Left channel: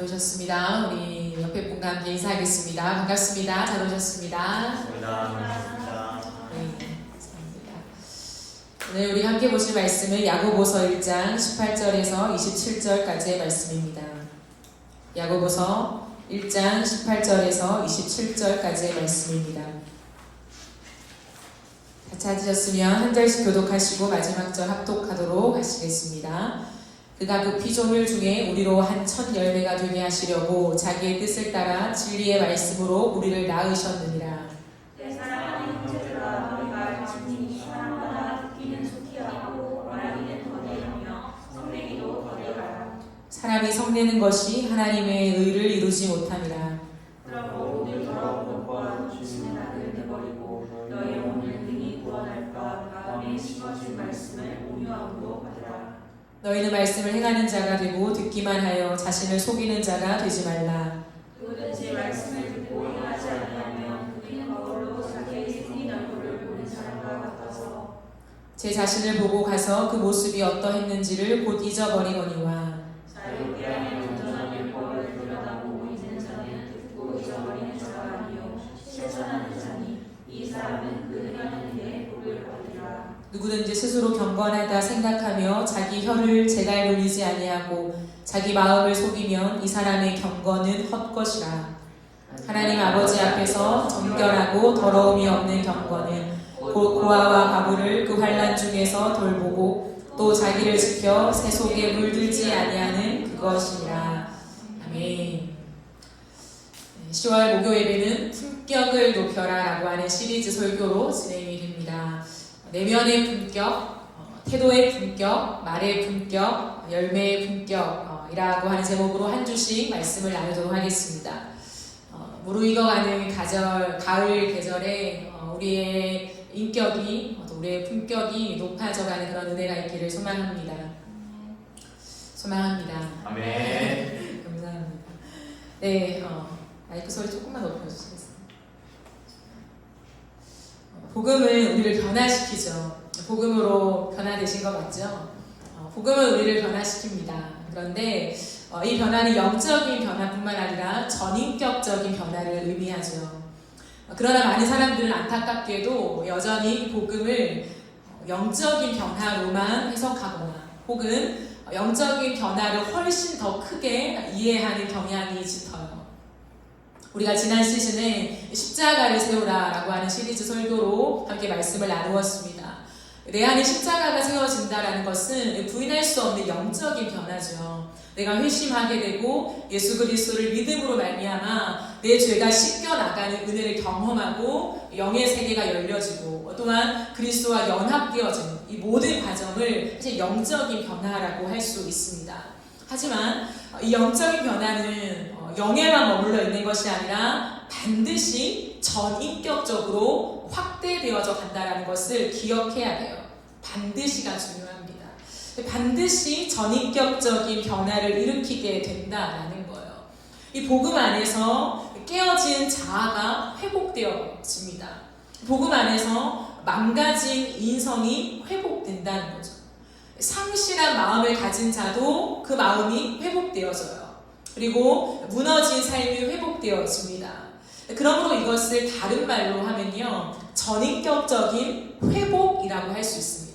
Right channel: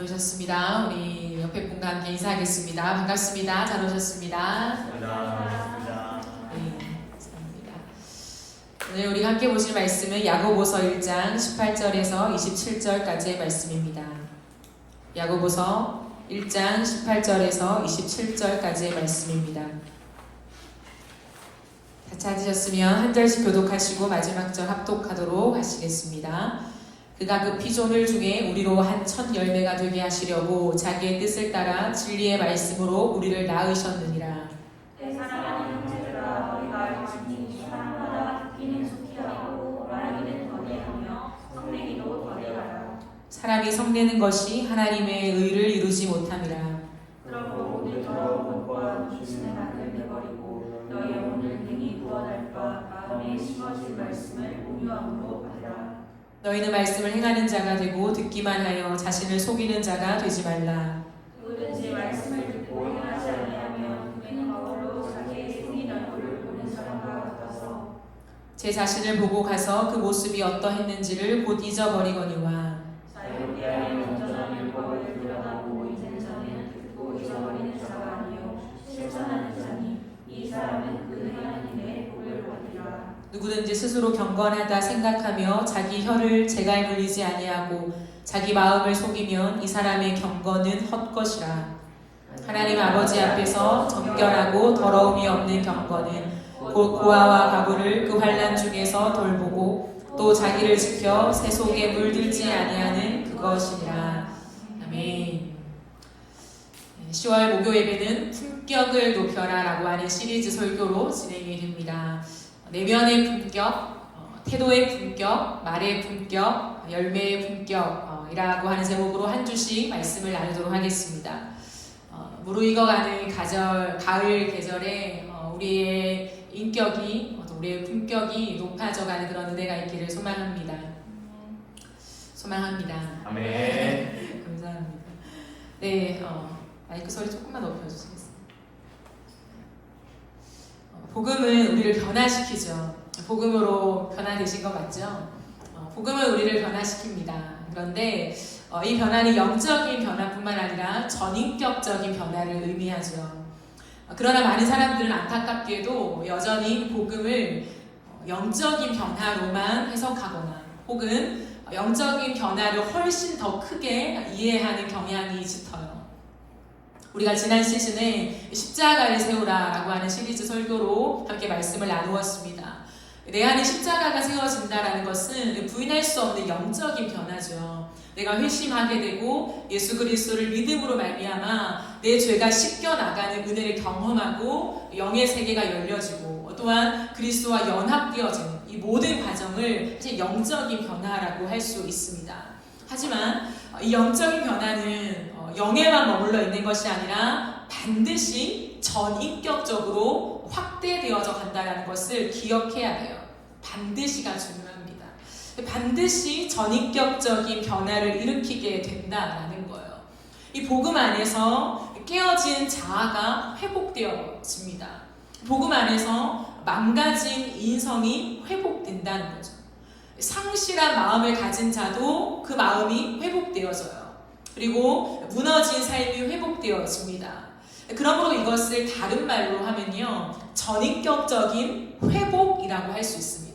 들어오셨습니다. 우리 옆에 분과 함께 인사하겠습니다. 반갑습니다. 잘 오셨습니다. 감사합니다. 네, 감사합니다. 오늘 우리 함께 보실 말씀은 야고보서 1장 18절에서 27절까지의 말씀입니다. 야고보서 1장 18절에서 27절까지의 말씀입니다. 다 찾으셨으면 한 절씩 교독하시고 마지막 절 합독하도록 하시겠습니다. 그가 그 피조물 중에 우리로 한 첫 열매가 되게 하시려고 자기의 뜻을 따라 진리의 말씀으로 우리를 낳으셨느니라. 내 사랑하는 형제들아, 너희가 알지니 사람마다 듣기는 속히하고 말하기는 더디하며 성내기도 더디하라. 사람이 성내는 것이 하나님의 의를 이루지 못함이라. 그러므로 모든 더러운 것과 주신의 낙을 내버리고 너희 영혼을 능히 구원할 바 마음에 심어준 말씀을 온유함으로 받으라. 너희는 말씀을 행하는 자가 되고 듣기만 하여 자신을 속이는 자가 되지 말라. 누구든지 말씀을 듣고 행하지 아니하면 그는 거울로 자기의 생긴 얼굴을 보는 사람과 같아서 제 자신을 보고 가서 그 모습이 어떠했는지를 곧 잊어버리거니와. 자기에 대하여 온전한 율법을 들여다보고 있는 자는 듣고 잊어버리는 자가 아니요 실천하는 자니 이 사람은 그 행하는 일에 복을 받으리라. 누구든지 스스로 경건하다 생각하며 자기 혀를 제갈 불리지 아니하고 자기 마음을 속이면 이 사람의 경건은 헛것이라. 하나님 아버지 앞에서 정결하고 더러움이 없는 경건은 곧 고아와 과부를 그 환난 중에서 돌보고 또 자기를 지켜 새 속에 물들지 아니하는 그것이니라. 아멘. 10월 목요 예배는 품격을 높여라 라고 하는 시리즈 설교로 진행이 됩니다. 내면의 품격, 태도의 품격, 말의 품격, 열매의 품격이라고 하는 제목으로 한 주씩 말씀을 나누도록 하겠습니다. 무르익어가는 가을 계절에 우리의 인격이, 우리의 품격이 높아져가는 그런 은혜가 있기를 소망합니다. 아멘. 감사합니다. 네, 마이크 소리 조금만 높여주시겠어요? 복음은 우리를 변화시키죠. 복음으로 변화되신 것 맞죠? 복음은 우리를 변화시킵니다. 그런데 이 변화는 영적인 변화뿐만 아니라 전인격적인 변화를 의미하죠. 그러나 많은 사람들은 안타깝게도 여전히 복음을 영적인 변화로만 해석하거나 혹은 영적인 변화를 훨씬 더 크게 이해하는 경향이 짙어요. 우리가 지난 시즌에 십자가를 세우라라고 하는 시리즈 설교로 함께 말씀을 나누었습니다. 내 안에 십자가가 세워진다라는 것은 부인할 수 없는 영적인 변화죠. 내가 회심하게 되고 예수 그리스도를 믿음으로 말미암아 내 죄가 씻겨 나가는 은혜를 경험하고 영의 세계가 열려지고 또한 그리스도와 연합되어지는 이 모든 과정을 사실 영적인 변화라고 할 수 있습니다. 하지만 이 영적인 변화는 영에만 머물러 있는 것이 아니라 반드시 전인격적으로 확대되어져 간다는 것을 기억해야 해요. 반드시가 중요합니다. 반드시 전인격적인 변화를 일으키게 된다는 거예요. 이 복음 안에서 깨어진 자아가 회복되어집니다. 복음 안에서 망가진 인성이 회복된다는 거죠. 상실한 마음을 가진 자도 그 마음이 회복되어져요. 그리고 무너진 삶이 회복되어집니다. 그러므로 이것을 다른 말로 하면요, 전인격적인 회복이라고 할 수 있습니다.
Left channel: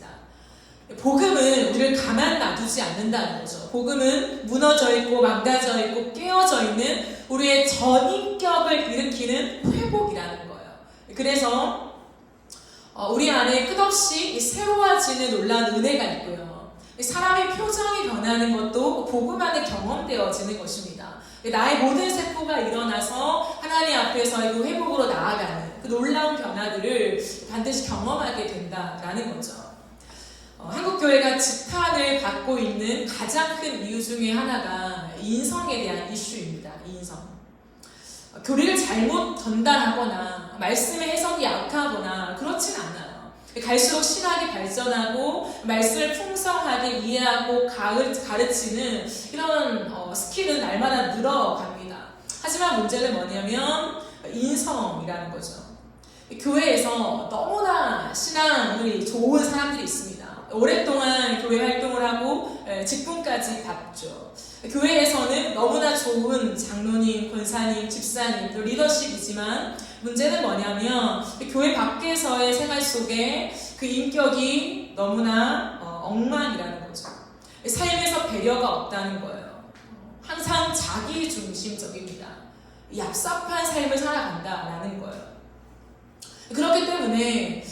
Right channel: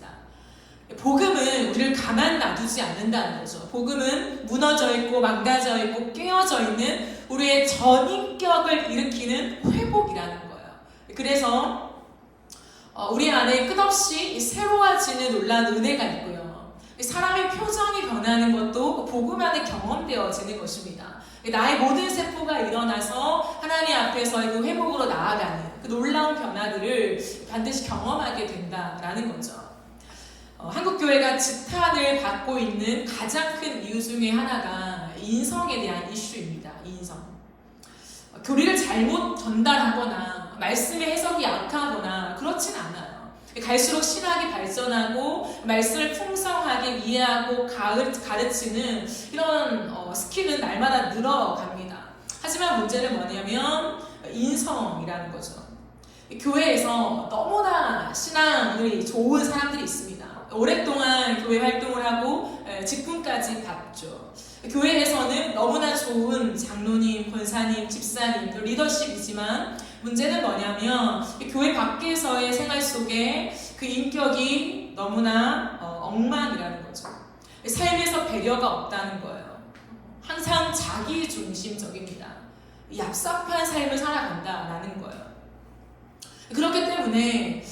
복음은 우리를 가만 놔두지 않는다는 거죠. 복음은 무너져 있고 망가져 있고 깨어져 있는 우리의 전인격을 일으키는 회복이라는 거예요. 그래서 우리 안에 끝없이 새로워지는 놀라운 은혜가 있고요. 사람의 표정이 변하는 것도 복음 안에 경험되어지는 것입니다. 나의 모든 세포가 일어나서 하나님 앞에서의 그 회복으로 나아가는 그 놀라운 변화들을 반드시 경험하게 된다라는 거죠. 한국교회가 지탄을 받고 있는 가장 큰 이유 중에 하나가 인성에 대한 이슈입니다. 인성. 교리를 잘못 전달하거나 말씀의 해석이 약하거나 그렇진 않아요. 갈수록 신학이 발전하고 말씀을 풍성하게 이해하고 가르치는 이런 스킬은 날마다 늘어갑니다. 하지만 문제는 뭐냐면 인성이라는 거죠. 교회에서 너무나 신앙이 좋은 사람들이 있습니다. 오랫동안 교회 활동을 하고 직분까지 받죠. 교회에서는 너무나 좋은 장로님, 권사님, 집사님, 또 리더십이지만 문제는 뭐냐면 교회 밖에서의 생활 속에 그 인격이 너무나 엉망이라는 거죠. 삶에서 배려가 없다는 거예요. 항상 자기 중심적입니다. 얍삽한 삶을 살아간다라는 거예요. 그렇기 때문에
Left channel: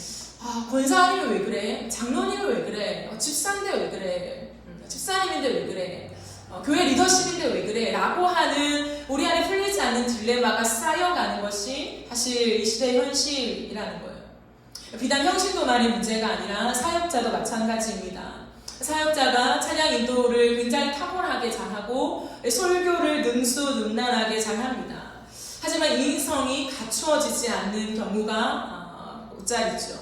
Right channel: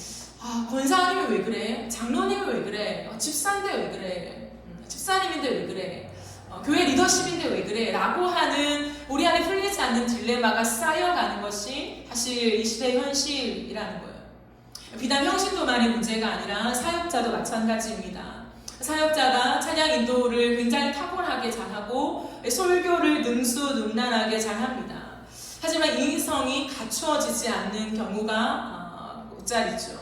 권사님이 왜 그래? 장로님이 왜 그래? 집사인데 왜 그래? 집사님인데 왜 그래? 교회 리더십인데 왜 그래? 라고 하는 우리 안에 풀리지 않는 딜레마가 쌓여가는 것이 사실 이 시대의 현실이라는 거예요. 비단 형신도만의 문제가 아니라 사역자도 마찬가지입니다. 사역자가 찬양 인도를 굉장히 탁월하게 잘하고 설교를 능수능란하게 잘합니다. 하지만 인성이 갖추어지지 않는 경우가 못자리죠.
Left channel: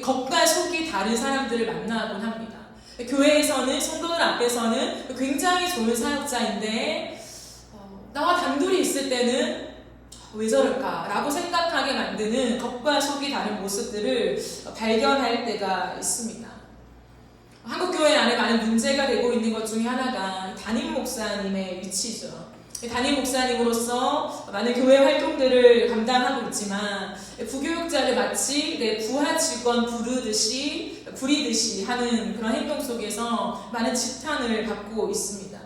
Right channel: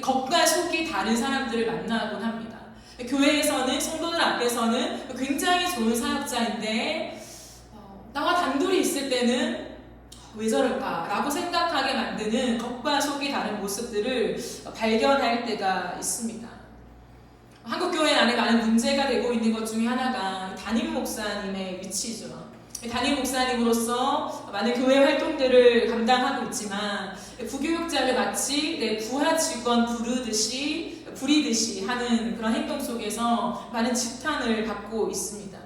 겉과 속이 다른 사람들을 만나곤 합니다. 교회에서는 성도들 앞에서는 굉장히 좋은 사역자인데 나와 단둘이 있을 때는 왜 저럴까? 라고 생각하게 만드는 겉과 속이 다른 모습들을 발견할 때가 있습니다. 한국교회 안에 많은 문제가 되고 있는 것 중에 하나가 담임 목사님의 위치죠. 담임 목사님으로서 많은 교회 활동들을 감당하고 있지만 부교육자를 마치 부하 직원 부리듯이 하는 그런 행동 속에서 많은 지탄을 받고 있습니다.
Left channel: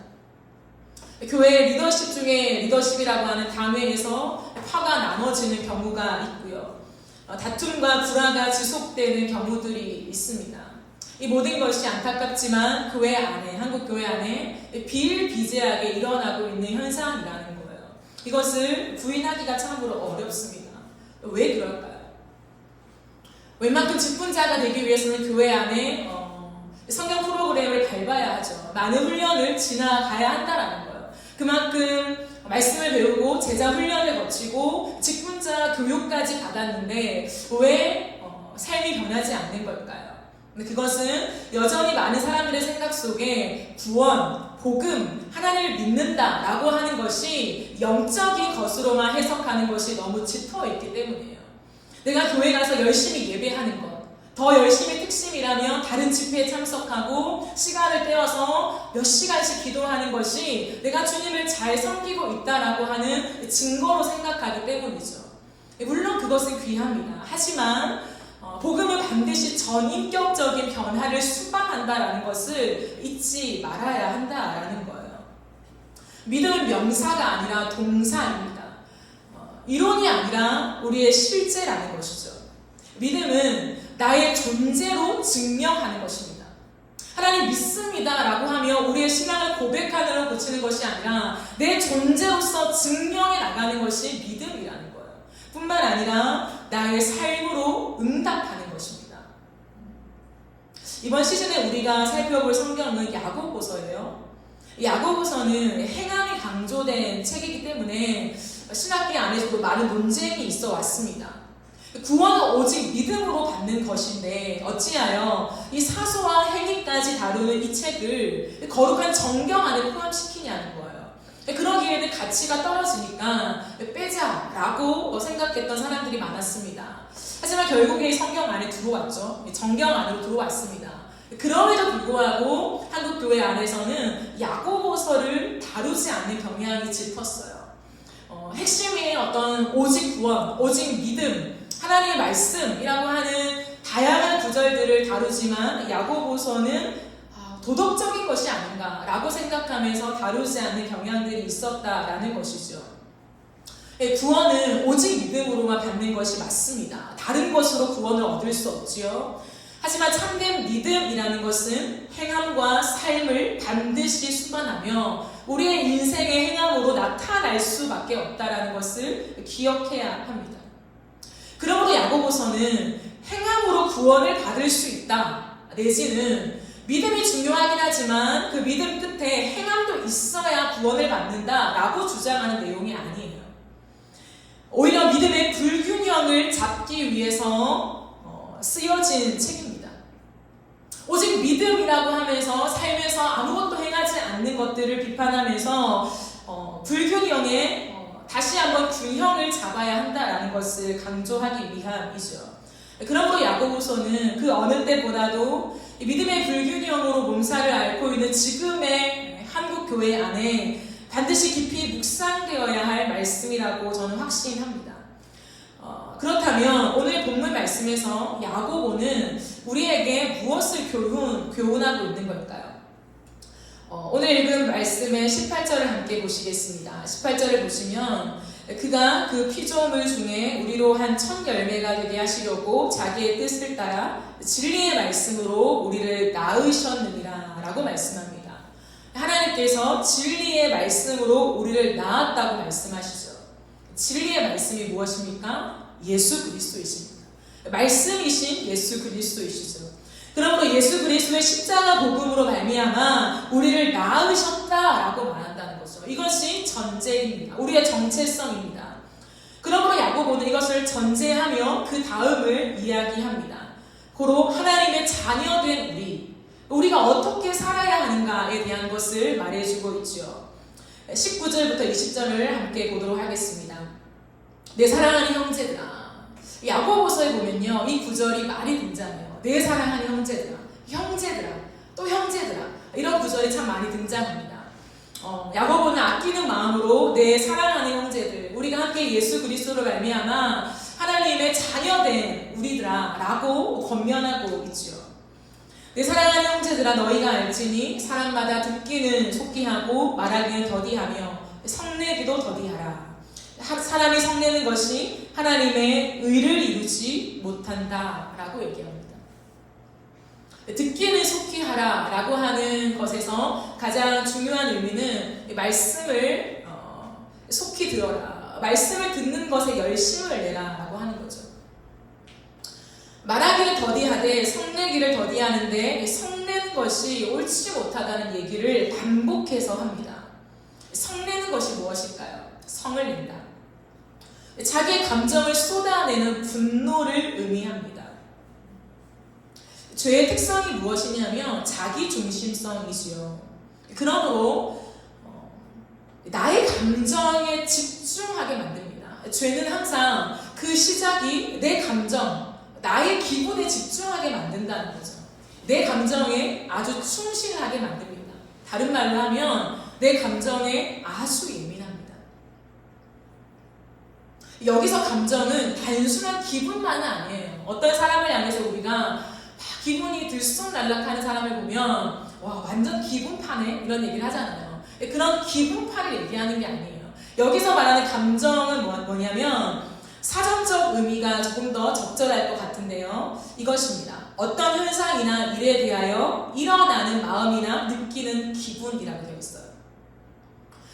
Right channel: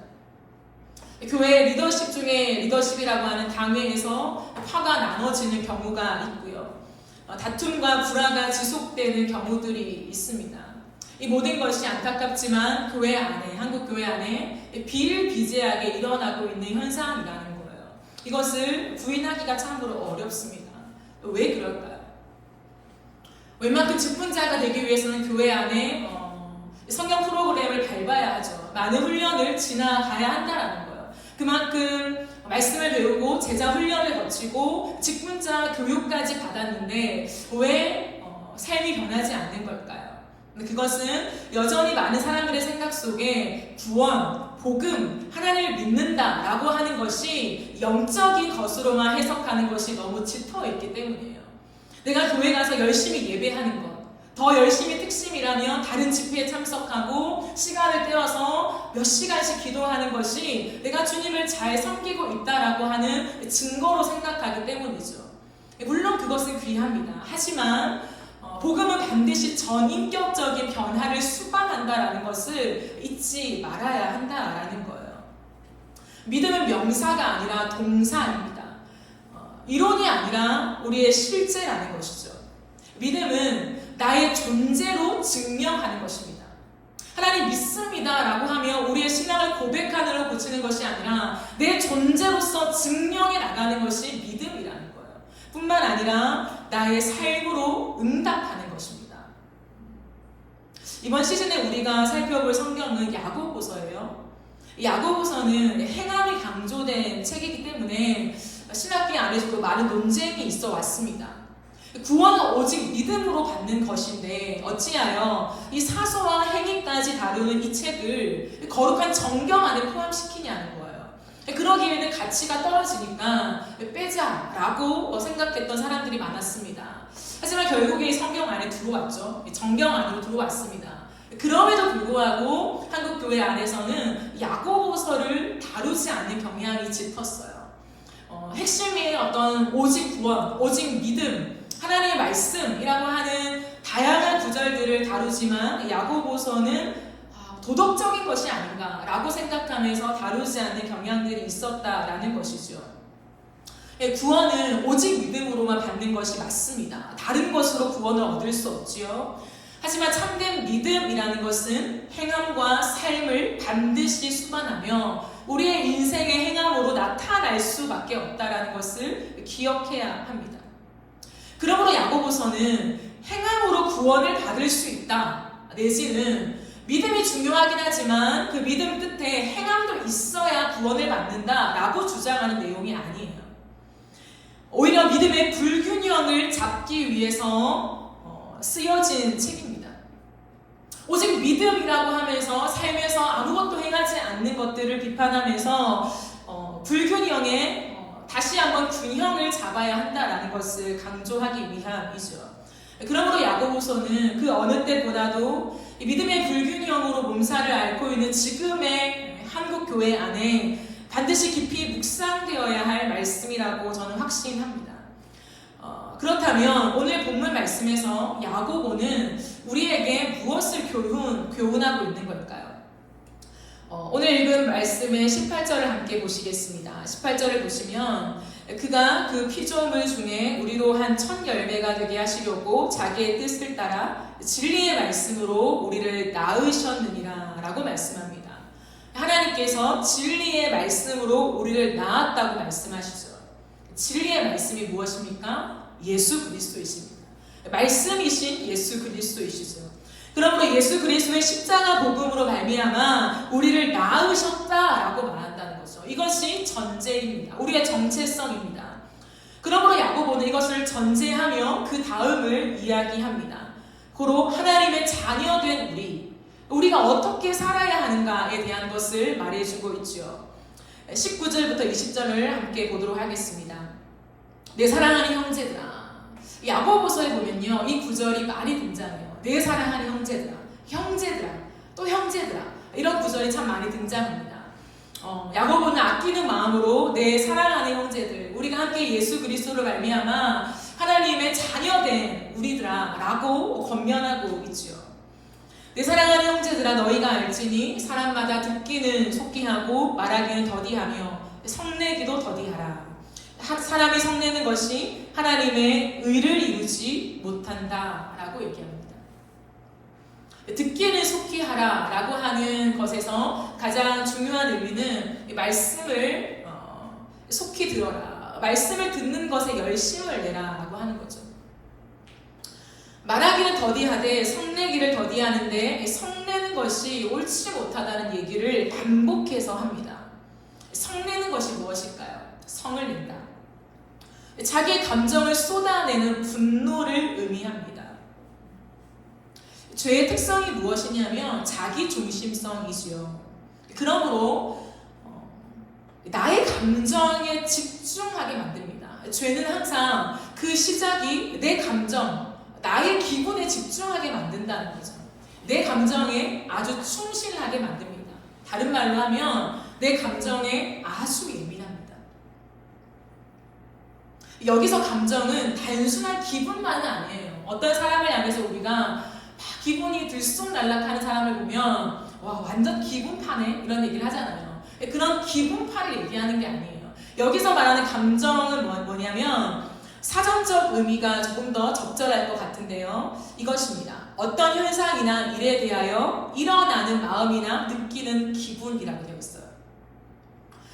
교회 리더십 중에 리더십이라고 하는 당회에서 파가 나눠지는 경우가 있고요. 다툼과 불화가 지속되는 경우들이 있습니다. 이 모든 것이 안타깝지만 교회 안에, 한국 교회 안에 비일비재하게 일어나고 있는 현상이라는 거예요. 이것을 부인하기가 참으로 어렵습니다. 왜 그럴까요? 웬만큼 직분자가 되기 위해서는 교회 안에 성경 프로그램을 밟아야 하죠. 많은 훈련을 지나가야 한다는 거예요. 그만큼 말씀을 배우고 제자 훈련을 거치고 직분자 교육까지 받았는데 왜 삶이 변하지 않는 걸까요? 그것은 여전히 많은 사람들의 생각 속에 구원, 복음, 하나님을 믿는다라고 하는 것이 영적인 것으로만 해석하는 것이 너무 짙어있기 때문이에요. 내가 교회 가서 열심히 예배하는 것, 더 열심히 특심이라면 다른 집회에 참석하고 시간을 떼어서 몇 시간씩 기도하는 것이 내가 주님을 잘 섬기고 있다라고 하는 증거로 생각하기 때문이죠. 물론 그것은 귀합니다. 하지만 복음은 반드시 전인격적인 변화를 수반한다라는 것을 잊지 말아야 한다라는 거예요. 믿음은 명사가 아니라 동사입니다. 이론이 아니라 우리의 실제라는 것이죠. 믿음은 나의 존재로 증명하는 것입니다. 하나님 믿습니다 라고 하며 우리의 신앙을 고백하느라 고치는 것이 아니라 내 존재로서 증명해 나가는 것이 믿음이라는 거예요. 뿐만 아니라 나의 삶으로 응답하는 것입니다. 이번 시즌에 우리가 살펴볼 성경은 야고보서예요. 야고보서는 행함이 강조된 책이기 때문에 신학계 안에서도 많은 논쟁이 있어 왔습니다. 구원은 오직 믿음으로 받는 것인데 어찌하여 이 사소와 행위까지 다루는 이 책을 거룩한 정경 안에 포함시키냐는 거예요. 그러기에는 가치가 떨어지니까 빼자라고 생각했던 사람들이 많았습니다. 하지만 결국에 성경 안에 들어왔죠. 정경 안으로 들어왔습니다. 그럼에도 불구하고 한국교회 안에서는 야고보서를 다루지 않는 경향이 짙었어요. 핵심이 어떤 오직 구원, 오직 믿음, 하나님의 말씀이라고 하는 다양한 구절들을 다루지만 야고보서는 도덕적인 것이 아닌가라고 생각하면서 다루지 않는 경향들이 있었다라는 것이죠. 구원은 오직 믿음으로만 받는 것이 맞습니다. 다른 것으로 구원을 얻을 수 없지요. 하지만 참된 믿음이라는 것은 행함과 삶을 반드시 수반하며 우리의 인생의 행함으로 나타날 수밖에 없다라는 것을 기억해야 합니다. 그러므로 야고보서는 행함으로 구원을 받을 수 있다 내지는 믿음이 중요하긴 하지만 그 믿음 끝에 행함도 있어야 구원을 받는다라고 주장하는 내용이 아니에요. 오히려 믿음의 불균형을 잡기 위해서 쓰여진 책입니다. 오직 믿음이라고 하면서 삶에서 아무것도 행하지 않는 것들을 비판하면서 불균형에 다시 한번 균형을 잡아야 한다라는 것을 강조하기 위함이죠. 그러므로 야고보서는 그 어느 때보다도 믿음의 불균형으로 몸살을 앓고 있는 지금의 한국 한국교회 안에 반드시 깊이 묵상되어야 할 말씀이라고 저는 확신합니다. 그렇다면 오늘 본문 말씀에서 야고보는 우리에게 무엇을 교훈하고 있는 걸까요? 오늘 읽은 말씀의 18절을 함께 보시겠습니다. 18절을 보시면 그가 그 피조물 중에 우리로 한 첫 열매가 되게 하시려고 자기의 뜻을 따라 진리의 말씀으로 우리를 낳으셨느니라 라고 말씀합니다. 하나님께서 진리의 말씀으로 우리를 낳았다고 말씀하시죠. 진리의 말씀이 무엇입니까? 예수 그리스도이십니다. 말씀이신 예수 그리스도이시죠. 그러므로 예수 그리스도의 십자가 복음으로 말미암아 우리를 낳으셨다라고 말한다는 거죠. 이것이 전제입니다. 우리의 정체성입니다. 그러므로 야고보는 이것을 전제하며 그 다음을 이야기합니다. 고로 하나님의 자녀된 우리가 어떻게 살아야 하는가에 대한 것을 말해주고 있죠. 19절부터 20절을 함께 보도록 하겠습니다. 내 사랑하는 형제들아. 야고보서에 보면요, 이 구절이 많이 등장해요. 내 사랑하는 형제들아, 또 형제들아, 이런 구절이 참 많이 등장합니다. 야고보는 아끼는 마음으로 내 사랑하는 형제들, 우리가 함께 예수 그리스도로 말미암아 하나님의 자녀된 우리들아 라고 권면하고 있죠. 내 사랑하는 형제들아, 너희가 알지니 사람마다 듣기는 속기하고 말하기는 더디하며 성내기도 더디하라. 사람이 성내는 것이 하나님의 의를 이루지 못한다 라고 얘기합니다. 듣기는 속히하라 라고 하는 것에서 가장 중요한 의미는 말씀을 속히 들어라, 말씀을 듣는 것에 열심을 내라 라고 하는 거죠. 말하기를 더디하되 성내기를 더디하는데 성내는 것이 옳지 못하다는 얘기를 반복해서 합니다. 성내는 것이 무엇일까요? 성을 낸다. 자기의 감정을 쏟아내는 분노를 의미합니다. 죄의 특성이 무엇이냐면 자기 중심성이지요. 그러므로 나의 감정에 집중하게 만듭니다. 죄는 항상 그 시작이 내 감정, 나의 기분에 집중하게 만든다는 거죠. 내 감정에 아주 충실하게 만듭니다. 다른 말로 하면 내 감정에 아주 예민합니다. 여기서 감정은 단순한 기분만은 아니에요. 어떤 사람을 향해서 우리가 기분이 들쑥날락하는 사람을 보면 와, 완전 기분파네 이런 얘기를 하잖아요. 그런 기분파를 얘기하는 게 아니에요. 여기서 말하는 감정은 뭐냐면 사전적 의미가 조금 더 적절할 것 같은데요. 이것입니다. 어떤 현상이나 일에 대하여 일어나는 마음이나 느끼는 기분이라고 되어 있어요.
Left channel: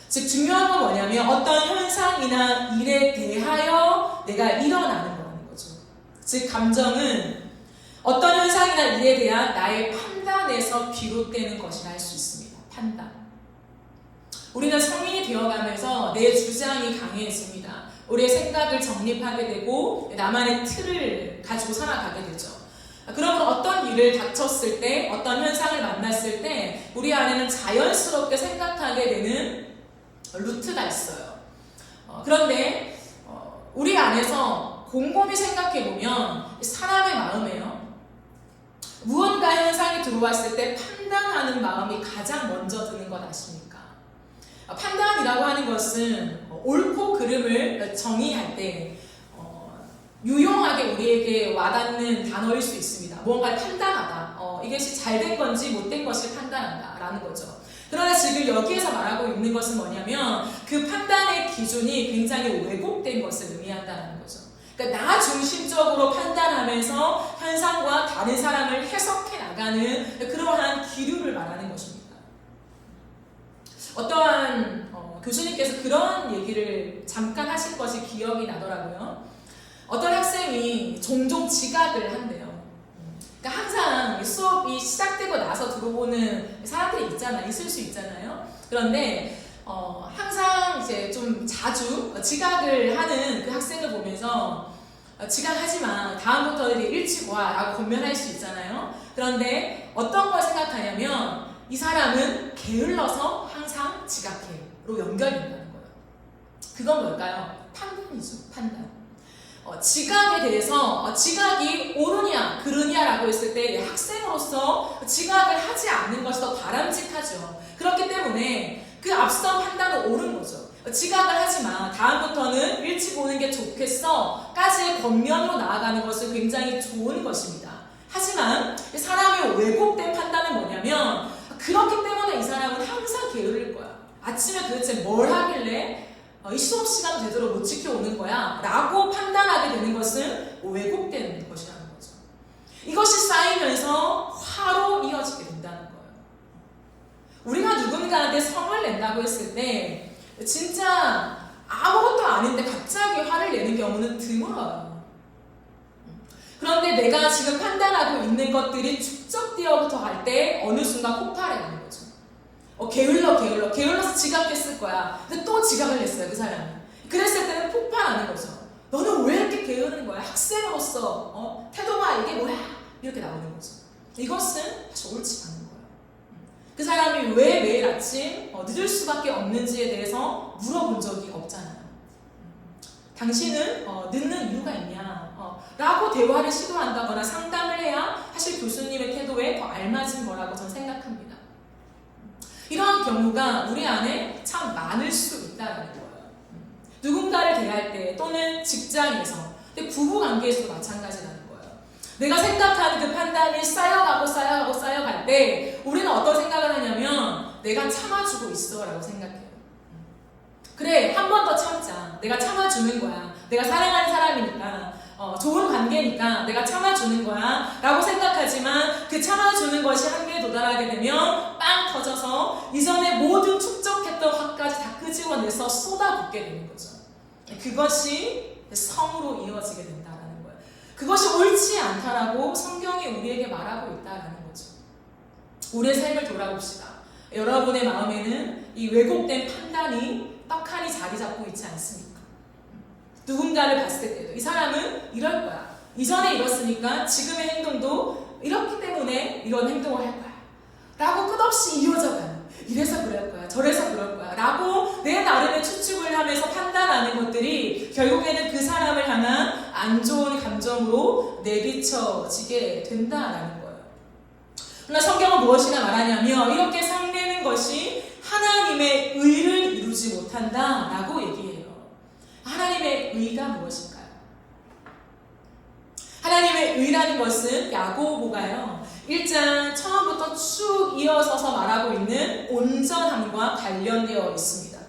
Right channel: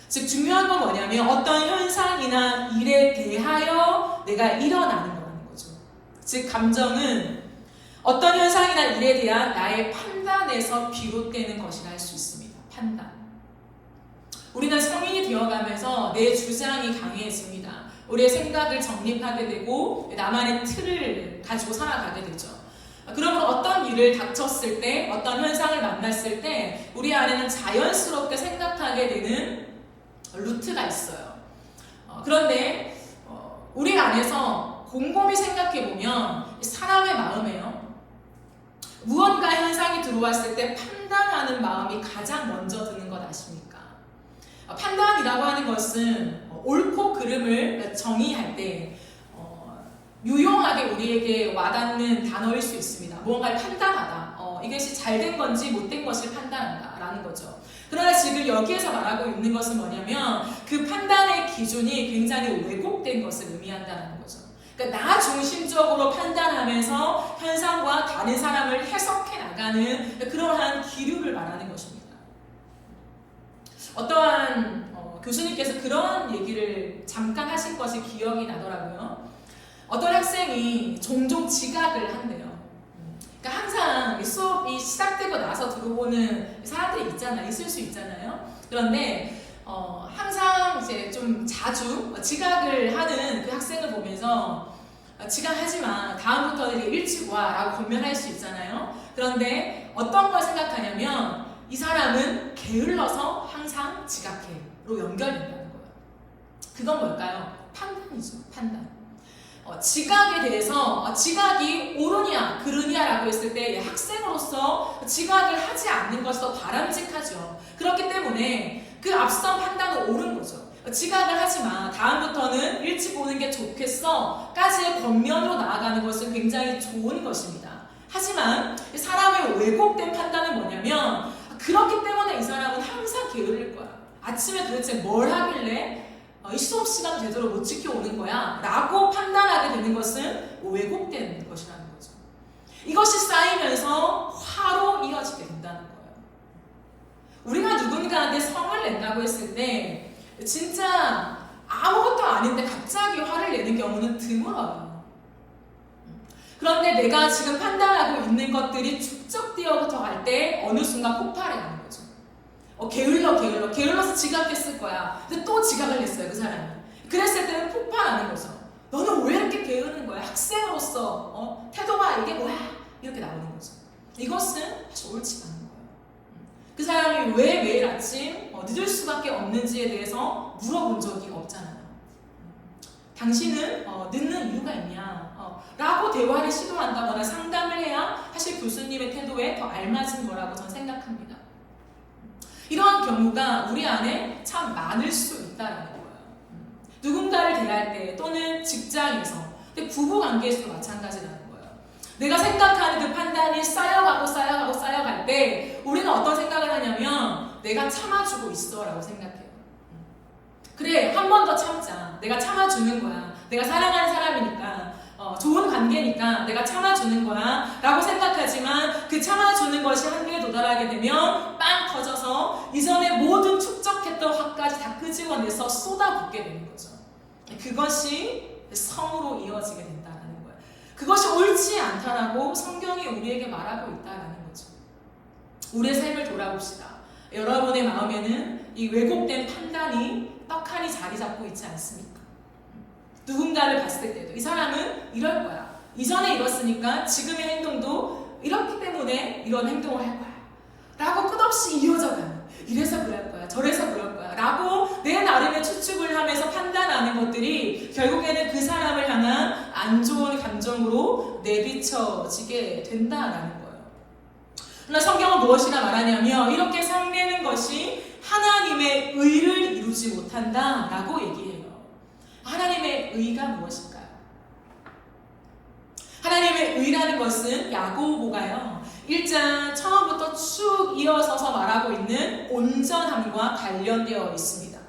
즉 중요한 건 뭐냐면 어떤 현상이나 일에 대하여 내가 일어나는 거라는 거죠. 즉 감정은 어떤 현상이나 일에 대한 나의 판단에서 비롯되는 것이라 할 수 있습니다. 판단. 우리는 성인이 되어가면서 내 주장이 강해집니다. 우리의 생각을 정립하게 되고 나만의 틀을 가지고 살아가게 되죠. 그러면 어떤 일을 닥쳤을 때, 어떤 현상을 만났을 때 우리 안에는 자연스럽게 생각하게 되는 루트가 있어요. 그런데 우리 안에서 곰곰이 생각해보면 사람의 마음에요. 무언가 현상이 들어왔을 때 판단하는 마음이 가장 먼저 드는 것 아십니까? 판단이라고 하는 것은 옳고 그름을 정의할 때 유용하게 우리에게 와닿는 단어일 수 있습니다. 무언가를 판단하다. 이것이 잘된 건지 못된 것을 판단한다 라는 거죠. 그러나 지금 여기에서 말하고 있는 것은 뭐냐면 그 판단의 기준이 굉장히 왜곡된 것을 의미한다는 거죠. 그러니까 나 중심적으로 판단하면서 현상과 다른 사람을 해석해 나가는 그러한 기류를 말하는 것입니다. 어떠한 교수님께서 그런 얘기를 잠깐 하신 것이 기억이 나더라고요. 어떤 학생이 종종 지각을 한대요. 그러니까 항상 수업이 시작되고 나서 들어오는 사람들이 있을 수 있잖아요. 그런데 항상 이제 좀 자주 지각을 하는 그 학생을 보면서 지각하지 마, 다음부터 일찍 와 라고 권면할 수 있잖아요. 그런데 어떤 걸 생각하냐면 이 사람은 게을러서 항상 지각해로 연결된다는 거예요. 그건 뭘까요? 판단이죠. 판단. 지각에 대해서 지각이 옳으냐 그르냐라고 했을 때 학생은 학생으로서 지각을 하지 않는 것이 더 바람직하죠. 그렇기 때문에 그 앞선 판단은 옳은 거죠. 지각을 하지 마. 다음부터는 일찍 오는 게 좋겠어. 까지의 권면으로 나아가는 것은 굉장히 좋은 것입니다. 하지만 사람의 왜곡된 판단은 뭐냐면 그렇기 때문에 이 사람은 항상 게으를 거야. 아침에 도대체 뭘 하길래 이 수업 시간 제대로 못 지켜오는 거야 라고 판단하게 되는 것은 왜곡된 것이라는 거죠. 이것이 쌓이면서 화로 이어지게 된다는 거예요. 우리가 누군가한테 성을 낸다고 했을 때 진짜 아무것도 아닌데 갑자기 화를 내는 경우는 드물어요. 그런데 내가 지금 판단하고 있는 것들이 축적되어부터 갈 때 어느 순간 폭발해 가는 거죠. 게을러서 지각했을 거야. 근데 또 지각을 했어요, 그 사람이. 그랬을 때는 폭발하는 거죠. 너는 왜 이렇게 게으른 거야? 학생으로서 태도가 이게 뭐야? 이렇게 나오는 거죠. 이것은 사실 옳지 않은 거예요. 그 사람이 왜 매일 아침 늦을 수밖에 없는지에 대해서 물어본 적이 없잖아요. 당신은 늦는 이유가 있냐? 라고 대화를 시도한다거나 상담을 해야 사실 교수님의 태도에 더 알맞은 거라고 저는 생각합니다. 이러한 경우가 우리 안에 참 많을 수 있다는 거예요. 누군가를 대할 때 또는 직장에서, 부부관계에서도 마찬가지라는 거예요. 내가 생각하는 그 판단이 쌓여갈 때 우리는 어떤 생각을 하냐면 내가 참아주고 있어 라고 생각해요. 그래, 한 번 더 참자. 내가 참아주는 거야. 내가 사랑하는 사람이니까, 좋은 관계니까 내가 참아주는 거야 라고 생각하지만 그 참아주는 것이 한계에 도달하게 되면 빵 터져서 이전에 모든 축적했던 화까지 다 끄집어내서 쏟아붓게 되는 거죠. 그것이 성으로 이어지게 된다는 거예요. 그것이 옳지 않다라고 성경이 우리에게 말하고 있다는 거죠. 우리의 삶을 돌아봅시다. 여러분의 마음에는 이 왜곡된 판단이 떡하니 자리 잡고 있지 않습니까? 누군가를 봤을 때도 이 사람은 이럴 거야. 이전에 이랬으니까 지금의 행동도 이렇기 때문에 이런 행동을 할 거야. 라고 끝없이 이어져가는. 이래서 그럴 거야. 저래서 그럴 거야. 라고 내 나름의 추측을 하면서 판단하는 것들이 결국에는 그 사람을 향한 안 좋은 감정으로 내비쳐지게 된다라는 거예요. 그러나 성경은 무엇이라 말하냐면 이렇게 상내는 것이 하나님의 의를 이루지 못한다라고 얘기해요. 하나님의 의가 무엇일까요? 하나님의 의라는 것은 야고보가요 1장 처음부터 쭉 이어서서 말하고 있는 온전함과 관련되어 있습니다.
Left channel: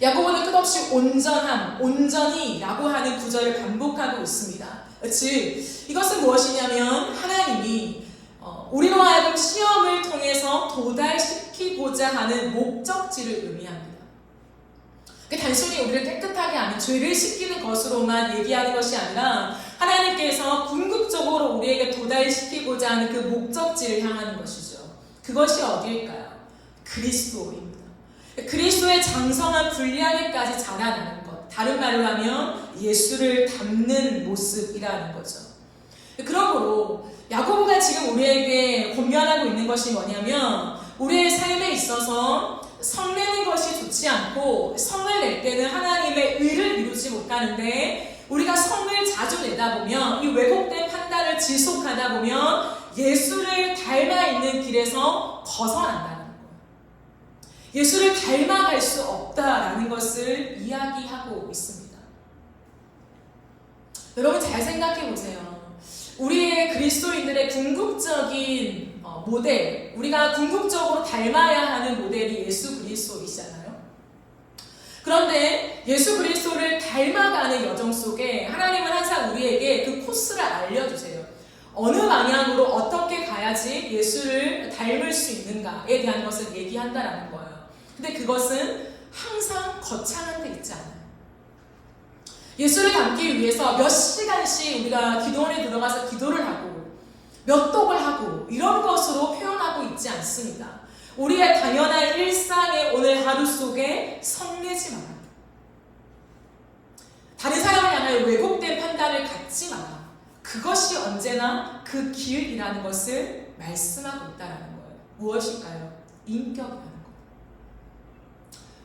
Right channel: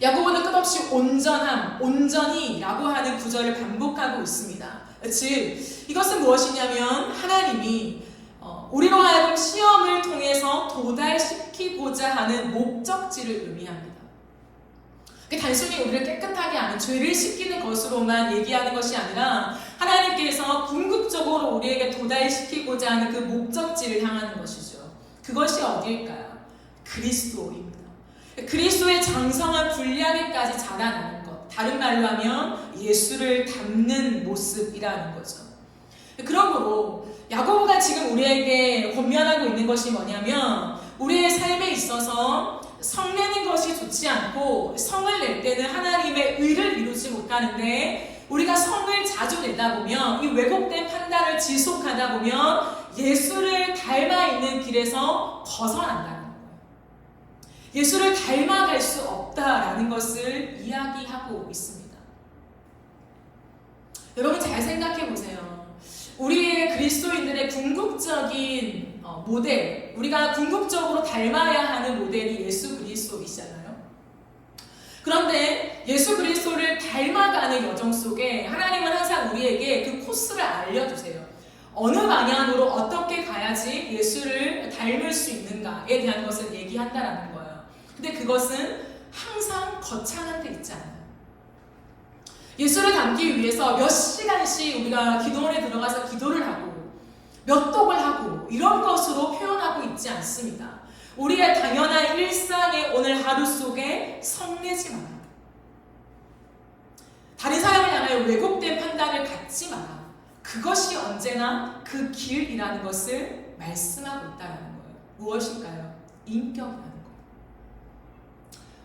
야고보는 끝없이 온전함, 온전히 라고 하는 구절을 반복하고 있습니다. 즉 이것은 무엇이냐면 하나님이 우리로 하여금 시험을 통해서 도달시키고자 하는 목적지를 의미합니다. 단순히 우리를 깨끗하게 하는 죄를 씻기는 것으로만 얘기하는 것이 아니라 하나님께서 궁극적으로 우리에게 도달시키고자 하는 그 목적지를 향하는 것이죠. 그것이 어디일까요? 그리스도입니다. 그리스도의 장성한 분량에까지 자라나는 것. 다른 말로 하면 예수를 닮는 모습이라는 거죠. 그러므로 야고보가 지금 우리에게 권면하고 있는 것이 뭐냐면 우리의 삶에 있어서 성내는 것이 좋지 않고 성을 낼 때는 하나님의 의를 이루지 못하는데 우리가 성을 자주 내다 보면 이 왜곡된 판단을 지속하다 보면 예수를 닮아 있는 길에서 벗어난다는 거예요. 예수를 닮아갈 수 없다라는 것을 이야기하고 있습니다. 여러분 잘 생각해 보세요. 우리의 그리스도인들의 궁극적인 모델, 우리가 궁극적으로 닮아야 하는 모델이 예수 그리스도이시잖아요. 그런데 예수 그리스도를 닮아가는 여정 속에 하나님은 항상 우리에게 그 코스를 알려주세요. 어느 방향으로 어떻게 가야지 예수를 닮을 수 있는가에 대한 것을 얘기한다라는 거예요. 근데 그것은 항상 거창한 데 있지 않아요. 예수를 닮기 위해서 몇 시간씩 우리가 기도원에 들어가서 기도를 하고 몇 독을 하고 이런 것으로 표현하고 있지 않습니다. 우리의 당연한 일상의 오늘 하루 속에 성내지 마라. 다른 사람을 향하여 왜곡된 판단을 갖지 마라. 그것이 언제나 그 길이라는 것을 말씀하고 있다는 거예요. 무엇일까요? 인격이라는 것.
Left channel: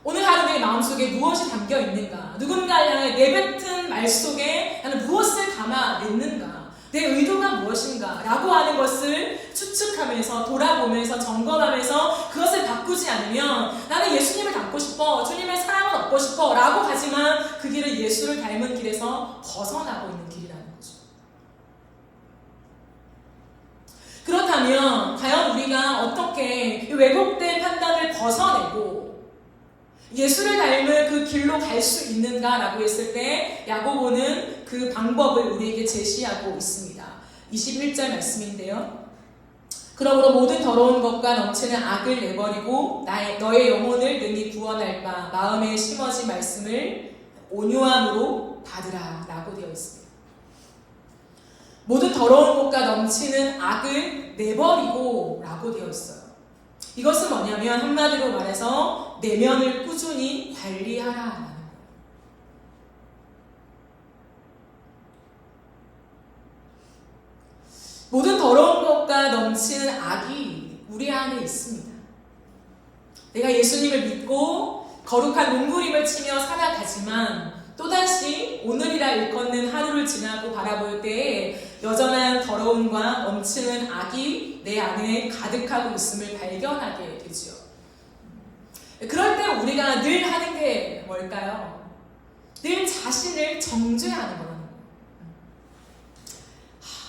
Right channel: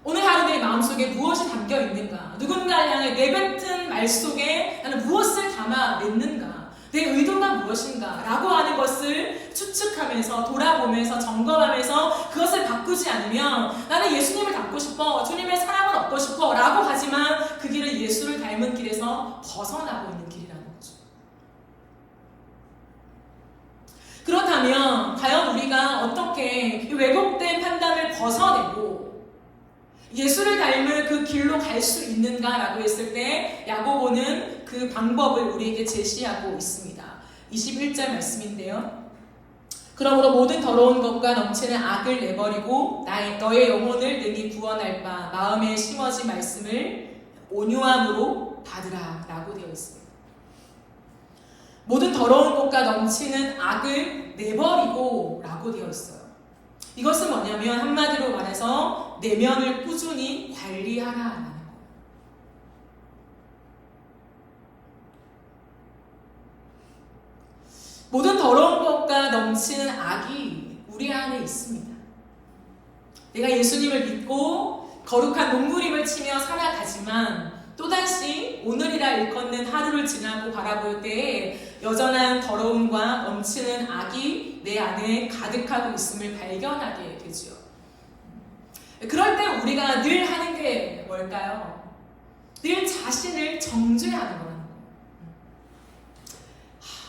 오늘 하루 내 마음속에 무엇이 담겨 있는가? 누군가를 향해 내뱉은 말 속에 나는 무엇을 담아냈는가? 내 의도가 무엇인가 라고 하는 것을 추측하면서 돌아보면서 점검하면서 그것을 바꾸지 않으면 나는 예수님을 닮고 싶어, 주님의 사랑을 얻고 싶어 라고 하지만 그 길은 예수를 닮은 길에서 벗어나고 있는 길이라는 거죠. 그렇다면 과연 우리가 어떻게 왜곡된 판단을 벗어내고 예수를 닮은 그 길로 갈 수 있는가라고 했을 때 야고보는 그 방법을 우리에게 제시하고 있습니다. 21절 말씀인데요. 그러므로 모든 더러운 것과 넘치는 악을 내버리고 너의 영혼을 능히 구원할 바 마음에 심어진 말씀을 온유함으로 받으라 라고 되어 있습니다. 모든 더러운 것과 넘치는 악을 내버리고 라고 되어 있어요. 이것은 뭐냐면 한마디로 말해서 내면을 꾸준히 관리하라라는 거예요. 모든 더러운 것과 넘치는 악이 우리 안에 있습니다. 내가 예수님을 믿고 거룩한 몸부림을 치며 살아가지만 또다시 오늘이라 일컫는 하루를 지나고 바라볼 때에 여전한 더러움과 넘치는 악이 내 안에 가득하고 있음을 발견하게 되죠. 그럴 때 우리가 늘 하는 게 뭘까요? 늘 자신을 정죄하는 거라는 거예요.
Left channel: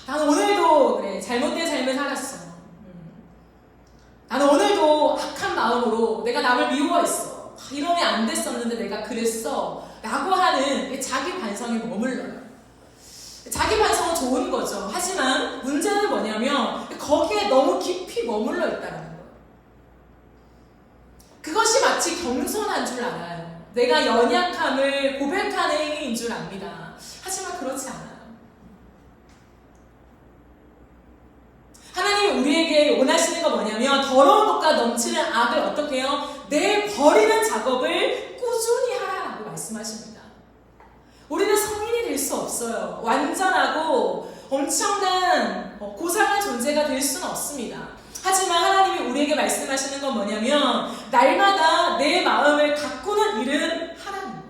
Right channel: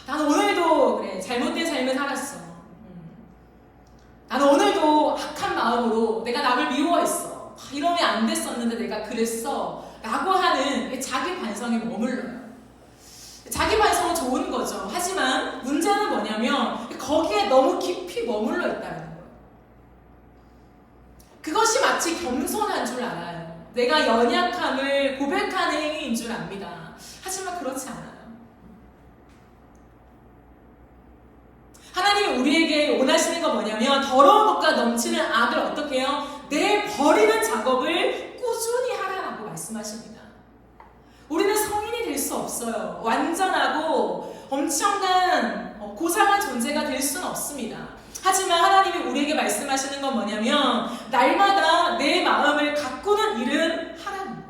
나는 오늘도 그래, 잘못된 삶을 살았어. 나는 오늘도 악한 마음으로 내가 남을 미워했어. 이러면 안 됐었는데 내가 그랬어. 라고 하는 자기 반성에 머물러요. 자기 반성은 좋은 거죠. 하지만 문제는 뭐냐면 거기에 너무 깊이 머물러 있다는 거예요. 그것이 마치 겸손한 줄 알아요. 내가 연약함을 고백하는 행위인 줄 압니다. 하지만 그렇지 않아요. 하나님이 우리에게 원하시는 건 뭐냐면 더러운 것과 넘치는 악을 어떻게 해요? 내버리는 작업을 꾸준히 하라고 말씀하십니다. 우리는 성인이 될 수 없어요. 완전하고 엄청난 고상한 존재가 될 수는 없습니다. 하지만 하나님이 우리에게 말씀하시는 건 뭐냐면 날마다 내 마음을 가꾸는 일은 하라는 거예요.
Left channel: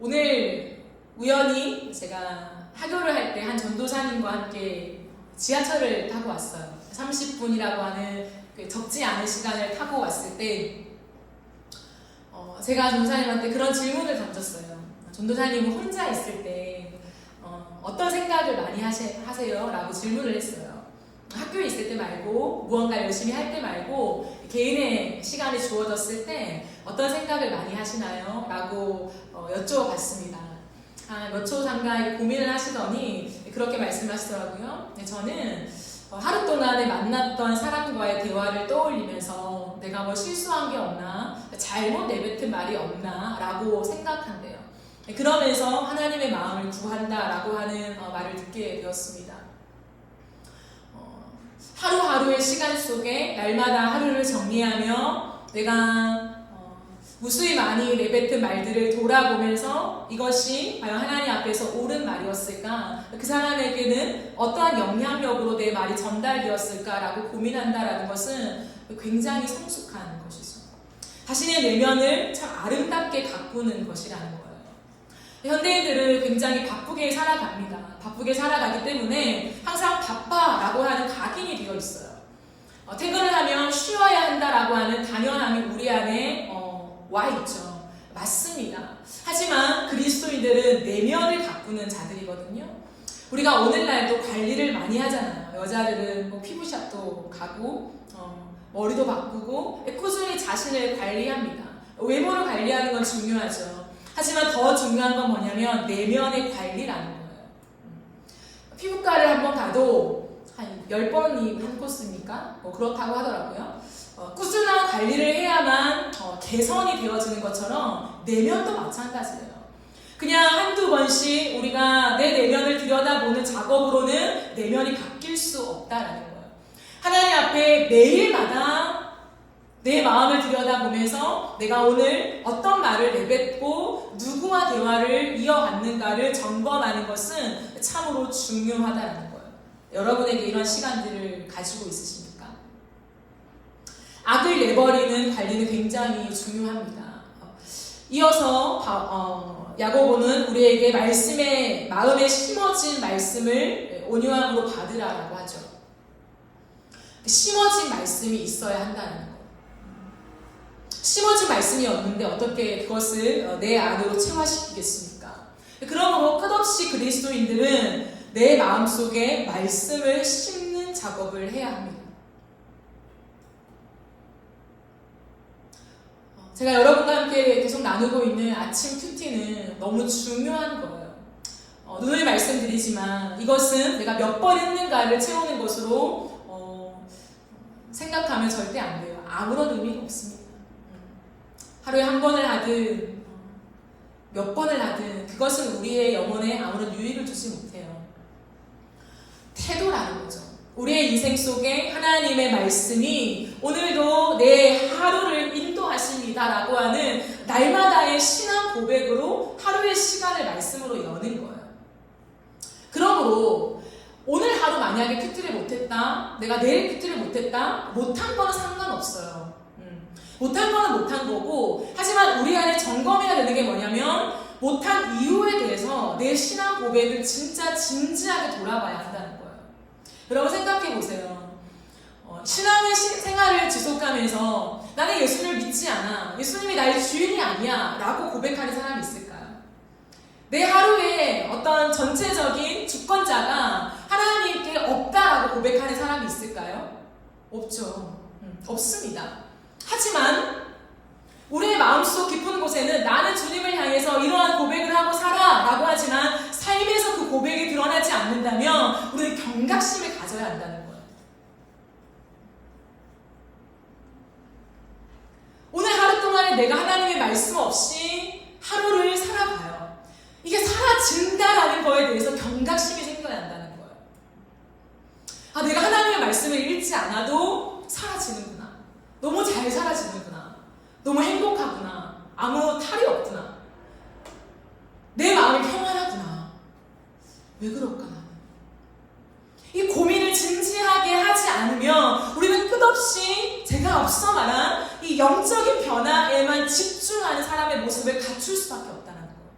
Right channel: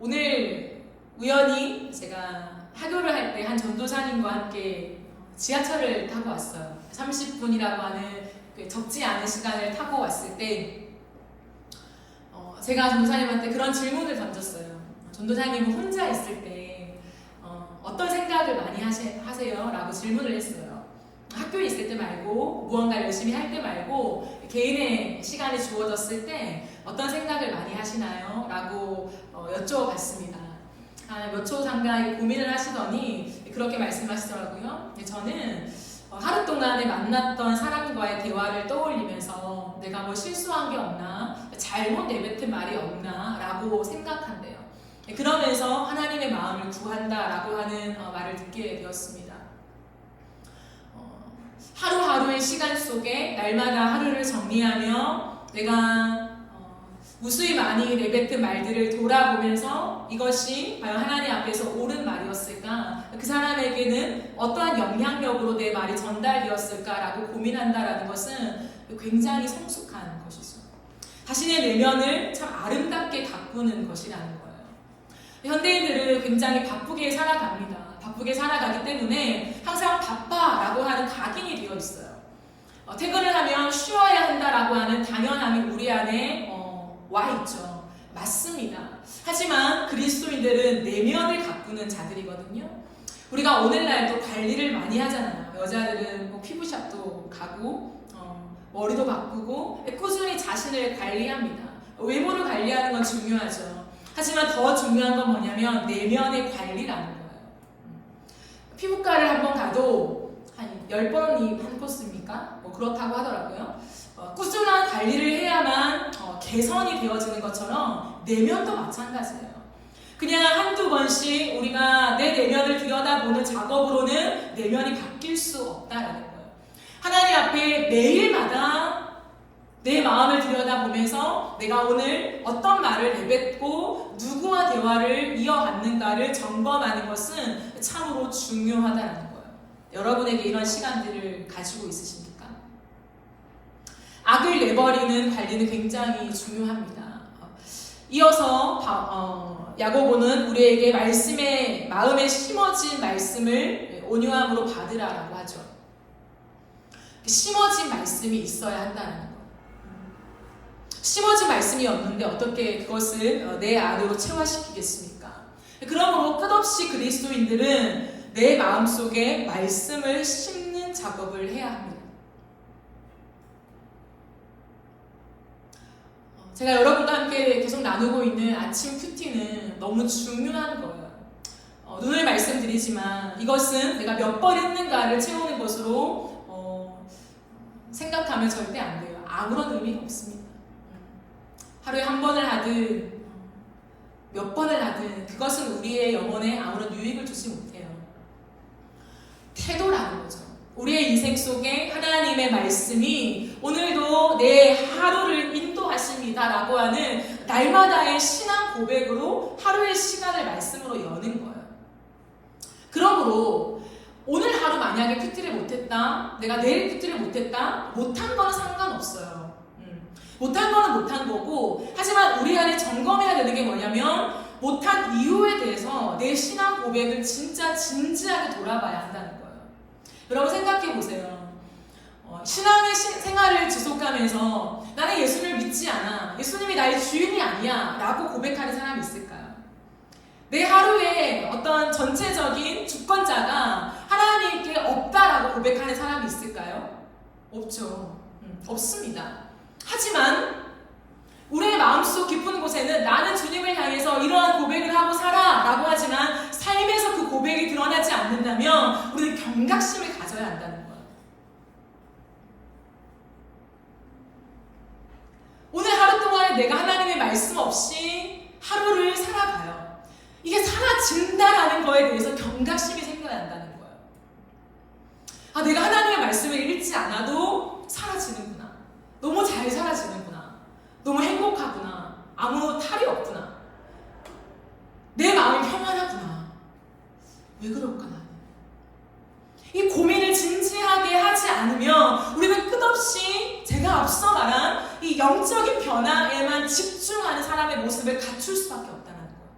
오늘 우연히 제가 하교를 할 때 한 전도사님과 함께 지하철을 타고 왔어요. 30분이라고 하는 적지 않은 시간을 타고 왔을 때 제가 전도사님한테 그런 질문을 던졌어요. 전도사님은 혼자 있을 때 어떤 생각을 많이 하세요? 라고 질문을 했어요. 학교에 있을 때 말고 무언가 열심히 할 때 말고 개인의 시간이 주어졌을 때 어떤 생각을 많이 하시나요? 라고 여쭤봤습니다. 몇 초 잠깐 고민을 하시더니 그렇게 말씀하시더라고요. 저는 하루 동안에 만났던 사람과의 대화를 떠올리면서 내가 뭐 실수한 게 없나, 잘못 내뱉은 말이 없나 라고 생각한대요. 그러면서 하나님의 마음을 구한다라고 하는 말을 듣게 되었습니다. 하루하루의 시간 속에 날마다 하루를 정리하며 내가 무수히 많이 내뱉은 말들을 돌아보면서 이것이 과연 하나님 앞에서 옳은 말이었을까? 그 사람에게는 어떠한 영향력으로 내 말이 전달되었을까라고 고민한다라는 것은 굉장히 성숙한 것이죠. 자신의 내면을 참 아름답게 가꾸는 것이라는 거예요. 현대인들은 굉장히 바쁘게 살아갑니다. 바쁘게 살아가기 때문에 항상 바빠라고 하는 각인이 되어 있어요. 퇴근을 하면 쉬어야 한다라고 하는 당연함이 우리 안에 와 있죠. 맞습니다. 하지만 그리스도인들은 내면을 가꾸는 자들이거든요. 우리가 오늘날도 관리를 많이 하잖아요. 여자들은 뭐 피부샵도 가고 머리도 바꾸고 꾸준히 자신을 관리합니다. 외모를 관리하는 건 중요하죠. 하지만 더 중요한 건 뭐냐면 내면의 관리라는 거예요. 피부과를 한번 가도 한 10번이 한 코스입니까? 뭐 그렇다고 하더라고요. 꾸준한 관리를 해야만 개선이 되어지는 것처럼 내면도 마찬가지예요. 그냥 한두 번씩 우리가 내 내면을 들여다보는 작업으로는 내면이 바뀔 수 없다라는 거예요. 하나님 앞에 매일마다 내 마음을 들여다보면서 내가 오늘 어떤 말을 내뱉고 누구와 대화를 이어갔는가를 점검하는 것은 참으로 중요하다는 거예요. 여러분에게 이런 시간들을 가지고 있으십니까? 악을 내버리는 관리는 굉장히 중요합니다. 이어서 야고보는 우리에게 마음에 심어진 말씀을 온유함으로 받으라라고 하죠. 심어진 말씀이 있어야 한다는 거. 심어진 말씀이 없는데 어떻게 그것을 내 안으로 체화시키겠습니까? 그러므로 끝없이 그리스도인들은 내 마음속에 말씀을 심는 작업을 해야 합니다. 제가 여러분과 함께 계속 나누고 있는 아침 큐티는 너무 중요한 거예요. 눈을 말씀드리지만 이것은 내가 몇 번 했는가를 채우는 것으로 생각하면 절대 안 돼요. 아무런 의미가 없습니다. 하루에 한 번을 하든 몇 번을 하든 그것은 우리의 영혼에 아무런 유익을 주지 못해요. 태도라는 거죠. 우리의 인생 속에 하나님의 말씀이 오늘도 내 하루를 인도하십니다라고 하는 날마다의 신앙 고백으로 하루의 시간을 말씀으로 여는 거예요. 그러므로 오늘 하루 만약에 큐티를 못했다, 내가 내일 큐티를 못했다, 못한 거는 상관없어요. 못한 거는 못한 거고, 하지만 우리 안에 점검해야 되는 게 뭐냐면 못한 이유에 대해서 내 신앙 고백을 진짜 진지하게 돌아봐야 한다는 거예요. 여러분 생각해 보세요. 신앙의 생활을 지속하면서 나는 예수를 믿지 않아, 예수님이 나의 주인이 아니야 라고 고백하는 사람이 있을까요? 내 하루에 어떤 전체적인 주권자가 하나님께 없다라고 고백하는 사람이 있을까요? 없죠. 없습니다. 하지만 우리의 마음속 깊은 곳에는 나는 주님을 향해서 이러한 고백을 하고 살아 라고 하지만 삶에서 그 고백이 드러나지 않는다면 우리는 경각심을 가져야 한다는 거예요. 오늘 하루 동안에 내가 하나님의 말씀 없이 하루를 살아가요. 이게 사라진다라는 거에 대해서 경각심이 생겨야 한다는 거예요. 아, 내가 하나님의 말씀을 읽지 않아도 사라지는구나. 너무 잘 사라지는구나. 너무 행복하구나. 아무 탈이 없구나. 내 마음이 평안하구나. 왜 그럴까 나는? 이 고민을 진지하게 하지 않으면 우리는 끝없이 제가 앞서 말한 이 영적인 변화에만 집중하는 사람의 모습을 갖출 수밖에 없다는 거예요.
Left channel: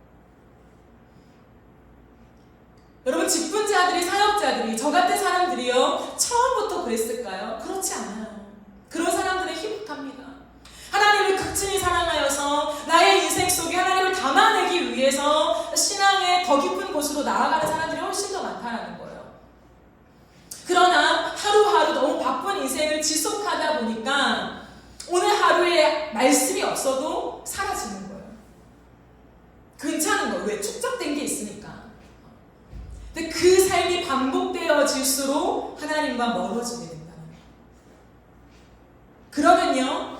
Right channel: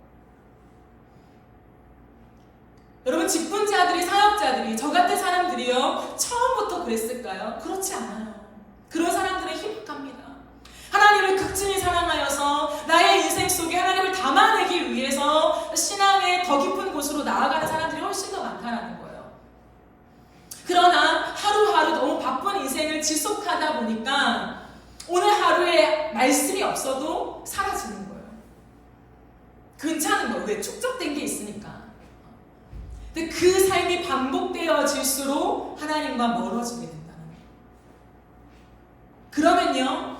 여러분 직분자들이, 사역자들이, 저 같은 사람들이요 처음부터 그랬을까요? 그렇지 않아요. 그런 사람들은 희박합니다. 하나님을 극진히 사랑하여서 나의 인생 속에 하나님을 담아내기 위해서 신앙의 더 깊은 곳으로 나아가는 사람들이 훨씬 더 많다는 거예요. 그러나 하루하루 너무 바쁜 인생을 지속하다 보니까 오늘 하루에 말씀이 없어도 사라지는 거예요. 괜찮은 거예요. 왜? 축적된 게 있으니까. 근데 그 삶이 반복되어질수록 하나님과 멀어지게 된다는 거예요. 그러면요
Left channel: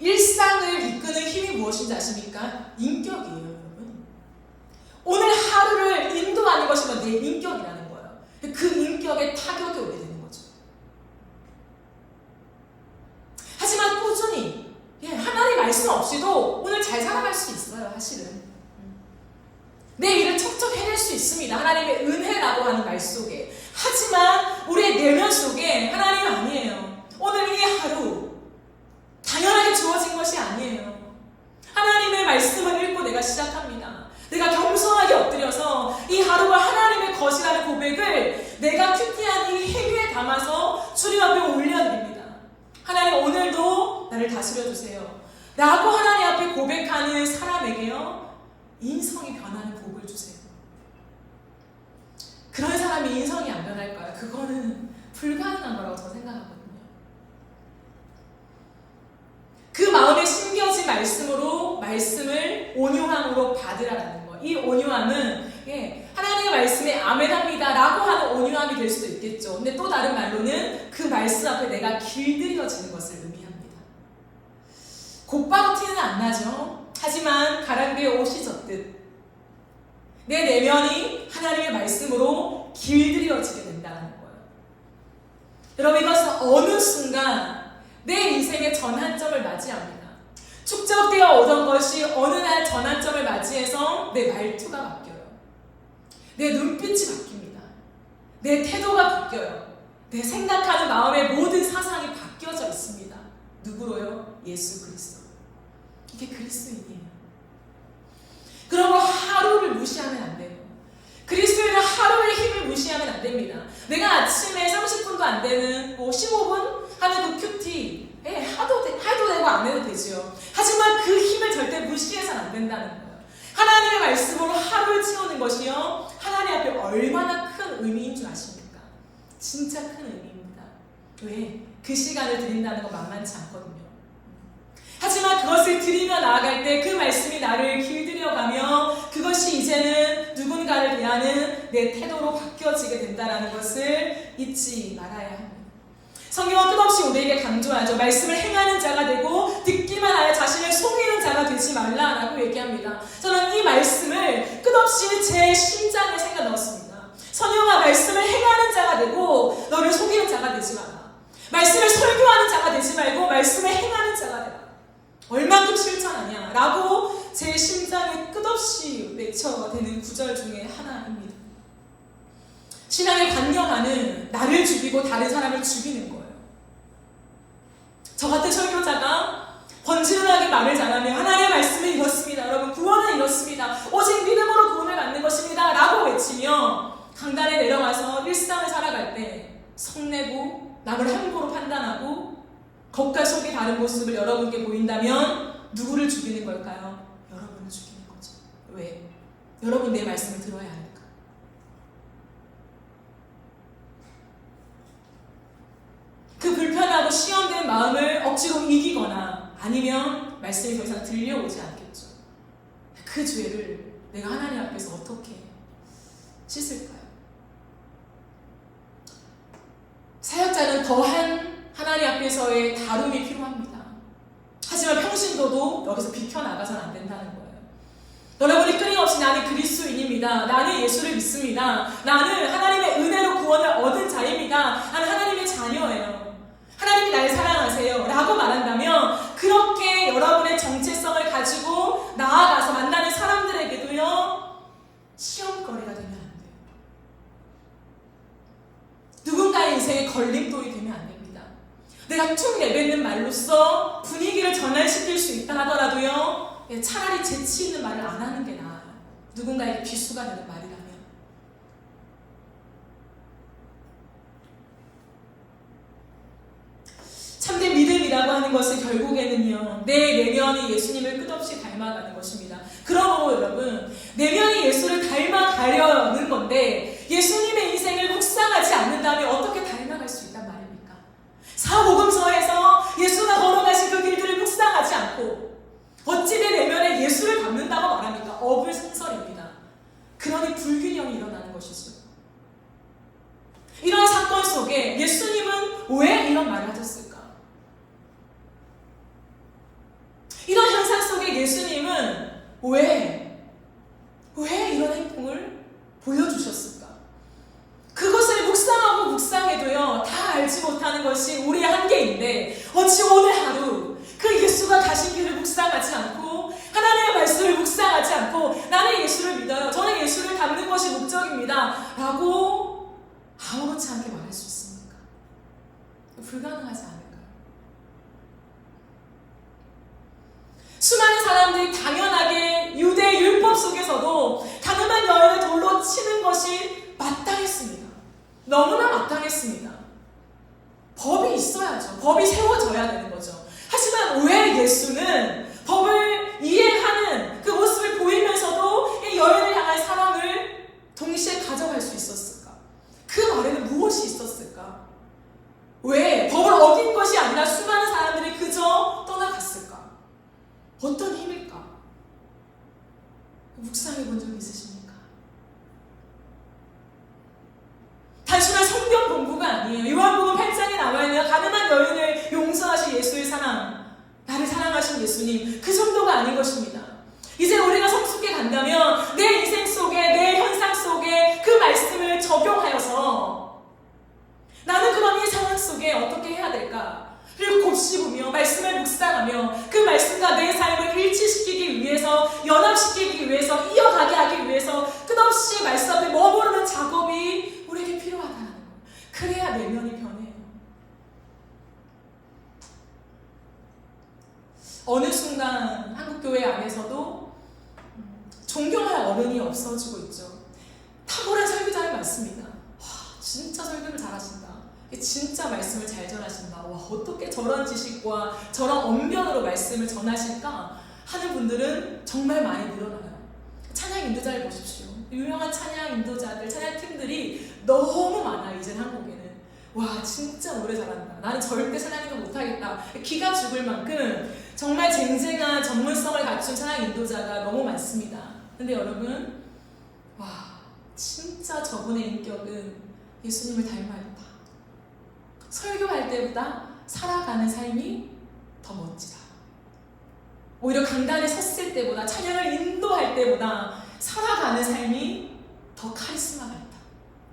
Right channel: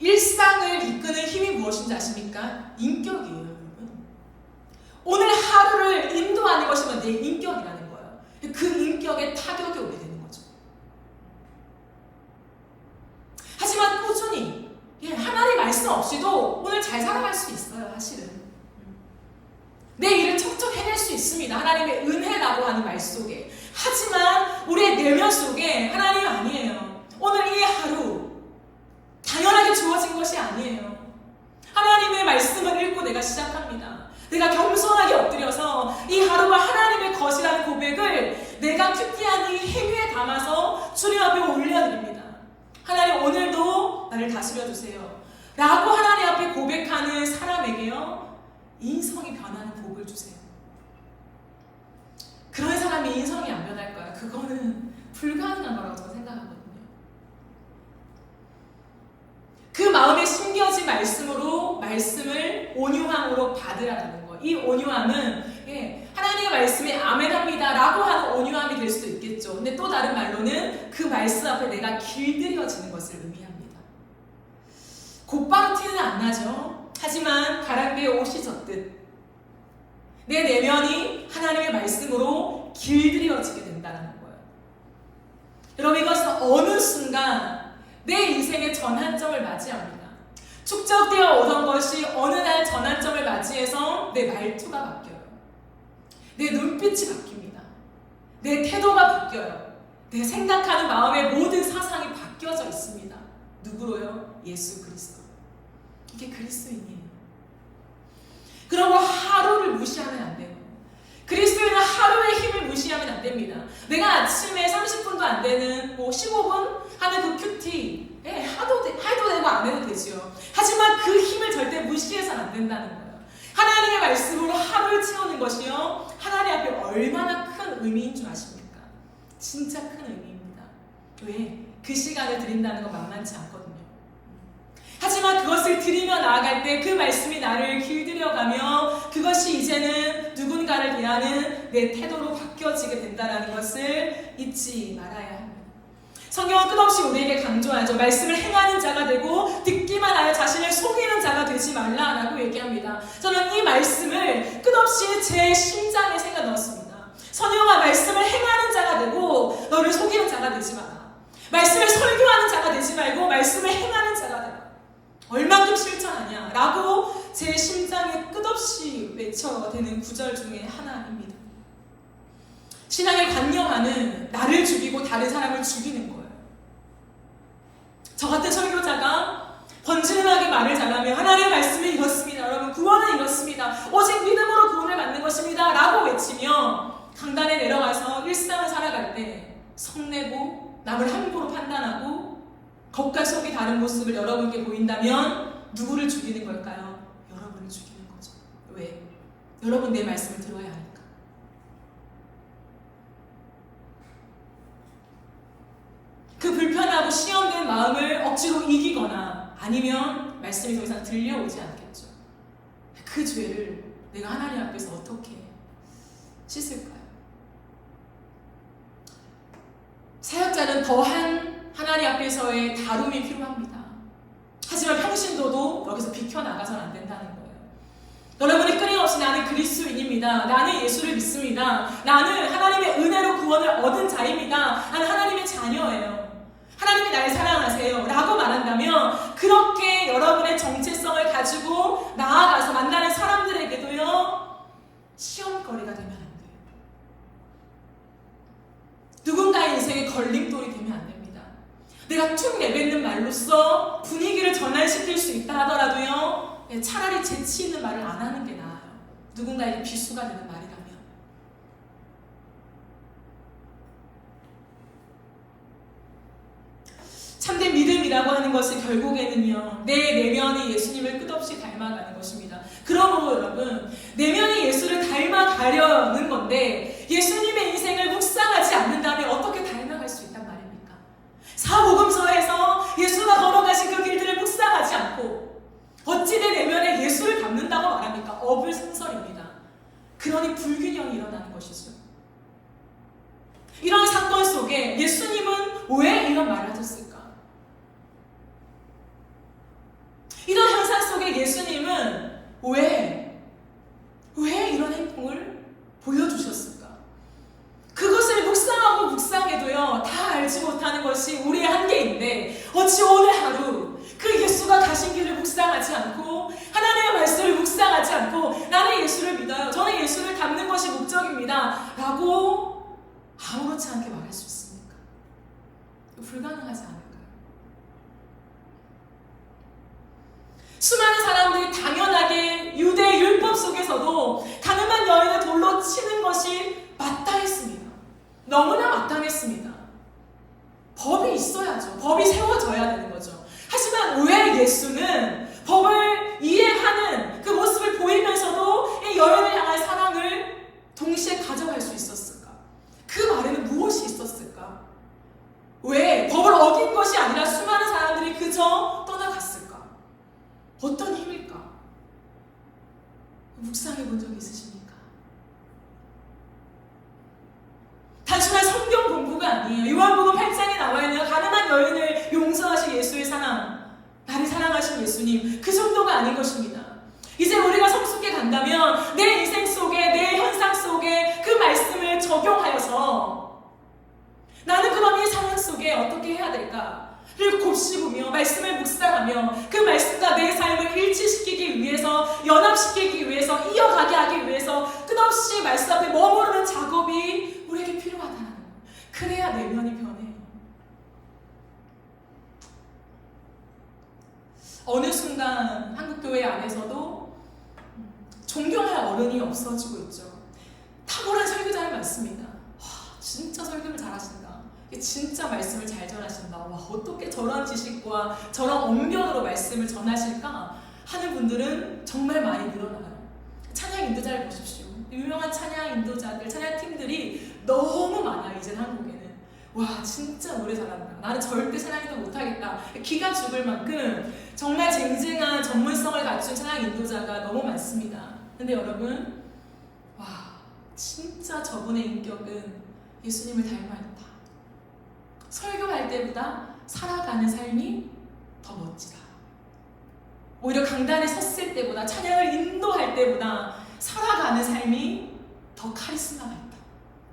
일상을 이끄는 힘이 무엇인지 아십니까? 인격이에요, 여러분. 오늘 하루를 인도하는 것이 내 인격이라는 거예요. 그 인격에 타격이 오게 되는 거죠. 하지만 꾸준히 하나님 말씀 없이도 오늘 잘 살아갈 수 있어요, 사실은. 내 일을 척척 해낼 수 있습니다. 하나님의 은혜라고 하는 말 속에. 하지만 우리의 내면 속에 하나님 아니에요. 오늘 이 하루 당연하게 주어진 것이 아니에요. 하나님의 말씀을 읽고 내가 시작합니다. 내가 겸손하게 엎드려서 이 하루가 하나님의 것이라는 고백을 내가 큐티한 이 행위에 담아서 주님 앞에 올려드립니다. 하나님 오늘도 나를 다스려 주세요 라고 하나님 앞에 고백하는 사람에게요 인성이 변하는 복을 주세요. 그런 사람이 인성이 안 변할까요? 그거는 불가능한 거라고 저는 생각하거든요. 그 마음에 심겨진 말씀을 온유함으로 받으라는 거. 이 온유함은 하나님의 말씀에 아멘합니다 라고 하는 온유함이 될 수도 있겠죠. 근데 또 다른 말로는 그 말씀 앞에 내가 길들여지는 것을 의미합니다. 곧바로 티는 안 나죠. 하지만 가랑비에 옷이 젖듯 내 내면이 하나님의 말씀으로 길들여지게 된다는 거예요. 여러분 이것은 어느 순간 내 인생의 전환점을 맞이합니다. 축적되어 오던 것이 어느 날 전환점을 맞이해서 내 말투가 바뀌어요. 내 눈빛이 바뀝니다. 내 태도가 바뀌어요. 내 생각하는 마음의 모든 사상이 바뀌어져 있습니다. 누구로요? 예수 그리스도. 이게 그리스도인이에요. 그러므로 하루를 무시하면 안 돼요. 그리스도인은 하루의 힘을 무시하면 안 됩니다. 내가 아침에 30분도 안 되는 15분 하는 그 큐티 해도 되고 안 해도 되지요. 하지만 그 힘을 절대 무시해서는 안 된다는 거예요. 하나님의 말씀으로 하루를 채우는 것이요, 하나님 앞에 얼마나 큰 의미인 줄 아십니까? 진짜 큰 의미입니다. 왜? 그 시간을 드린다는 건 만만치 않거든요. 하지만 그것을 드리며 나아갈 때 그 말씀이 나를 길들여가며 그것이 이제는 누군가를 대하는 내 태도로 바뀌어지게 된다는 것을 잊지 말아야 합니다. 성경은 끝없이 우리에게 강조하죠. 말씀을 행하는 자가 되고 듣기만 하여 자신을 속이는 자가 되지 말라라고 얘기합니다. 저는 이 말씀을 끝없이 제 심장에 새겨 넣었습니다. 선영아, 말씀을 행하는 자가 되고 너를 속이는 자가 되지 마라. 말씀을 설교하는 자가 되지 말고 말씀을 행하는 자가 되라. 얼만큼 실천하냐 라고 제 심장에 끝없이 외쳐대는 구절 중에 하나입니다. 신앙의 관념하는 나를 죽이고 다른 사람을 죽이는 거예요. 저 같은 설교자가 번지른하게 말을 잘하면 하나님의 말씀은 이렇습니다. 여러분, 구원은 이렇습니다. 오직 믿음으로 구원을 받는 것입니다 라고 외치며 강단에 내려가서 일상을 살아갈 때 성내고 남을 함부로 판단하고 겉과 속이 다른 모습을 여러분께 보인다면 누구를 죽이는 걸까요? 여러분을 죽이는 거죠. 왜? 여러분 내 말씀을 들어야 하니까. 그 불편하고 시험된 마음을 억지로 이기거나 아니면 말씀이 더 이상 들려오지 않겠죠. 그 죄를 내가 하나님 앞에서 어떻게 씻을까요? 사역자는 더한 하나님 앞에서의 다룸이 필요합니다. 하지만 평신도도 여기서 비켜나가서는 안 된다는 거예요. 여러분이 끊임없이 나는 그리스도인입니다. 나는 예수를 믿습니다. 나는 하나님의 은혜로 구원을 얻은 자입니다. 나는 하나님의 자녀예요. 하나님이 나를 사랑하세요 라고 말한다면 그렇게 여러분의 정체성을 가지고 나아가서 만나는 사람들에게도요, 시험거리가 되면 안 돼요. 누군가의 인생에 걸림돌이 되면 안 됩니다. 내가 툭 내뱉는 말로써 분위기를 전환시킬 수 있다 하더라도요, 차라리 재치 있는 말을 안 하는 게 나아요. 누군가에게 비수가 되는 말이라면. 참된 믿음이라고 하는 것은 결국에는요, 내 내면이 예수님을 끝없이 닮아가는 것입니다. 그러므로 여러분, 내면이 예수를 닮아가려는 건데 예수님의 인생을 묵상하지 않는다면 어떻게 닮아갈 수 있단 말입니까? 사복음서에서 예수가 걸어가신 그 길들을 묵상하지 않고 어찌 내 내면에 예수를 담는다고 말합니까? 어불성설입니다. 그러니 불균형이 일어나는 것이죠. 이러한 사건 속에 예수님은 왜 이런 말을 하셨을까? 이런 현상 속에 예수님은 왜 이런 행동을 보여주셨을까? 그것을 묵상하고 묵상해도요, 다 알지 못하는 것이 우리의 한계인데 어찌 오늘 하루 그 예수가 가신 길을 묵상하지 않고 하나님의 말씀을 묵상하지 않고 나는 예수를 믿어요, 저는 예수를 닮는 것이 목적입니다 라고 아무렇지 않게 말할 수 있습니까? 불가능하지 않을까요? 수많은 사람들이 당연하게 유대 율법 속에서도 가늠한 여인을 돌로 치는 것이 마땅했습니다. 너무나 마땅했습니다. 법이 있어야죠. 법이 세워져야 되는 거죠. 하지만 왜 예수는 법을 이해하는 그 모습을 보이면서도 이 여인을 향한 사랑을 동시에 가져갈 수 있었을까? 그 말에는 무엇이 있었을까? 왜 법을 어긴 것이 아니라 수많은 사람들이 그저 떠나갔을까? 어떤 힘일까? 묵상해 본 적 있으십니까? 단순한 성경 공부가 아니에요. 요한복음 8장에 나와 있는 가늠한 여인을 용서하신 예수의 사랑, 나를 사랑하신 예수님, 그 정도가 아닌 것입니다. 이제 우리가 성숙해 간다면 내 인생 속에, 내 현상 속에 그 말씀을 적용하여서 나는 그럼 이 상황 속에 어떻게 해야 될까? 를 곱씹으며 말씀을 묵상하며 그 말씀과 내 삶을 일치시키기 위해서, 연합시키기 위해서, 이어가게 하기 위해서 끝없이 말씀 앞에 머무르는 작업이 우리에게 필요하다는 거예요. 그래야 내면이 변해요. 어느 순간 한국교회 안에서도 존경할 어른이 없어지고 있죠. 탁월한 설교자는 많습니다. 와, 진짜 설교를 잘하신다. 진짜 말씀을 잘 전하신다. 와, 어떻게 저런 지식과 저런 언변으로 말씀을 전하실까 하는 분들은 정말 많이 늘어나요. 찬양 인도자를 보십시오. 유명한 찬양 인도자들, 찬양 팀들이 너무 많아요. 이제 한국에는. 와, 진짜 노래 잘한다. 나는 절대 찬양인도 못하겠다. 기가 죽을 만큼 정말 쟁쟁한 전문성을 갖춘 찬양 인도자가 너무 많습니다. 근데 여러분, 와, 진짜 저분의 인격은 예수님을 닮아있다. 설교할 때보다 살아가는 삶이 더 멋지다. 오히려 강단에 섰을 때보다, 찬양을 인도할 때보다 살아가는 삶이 더 카리스마가 있다.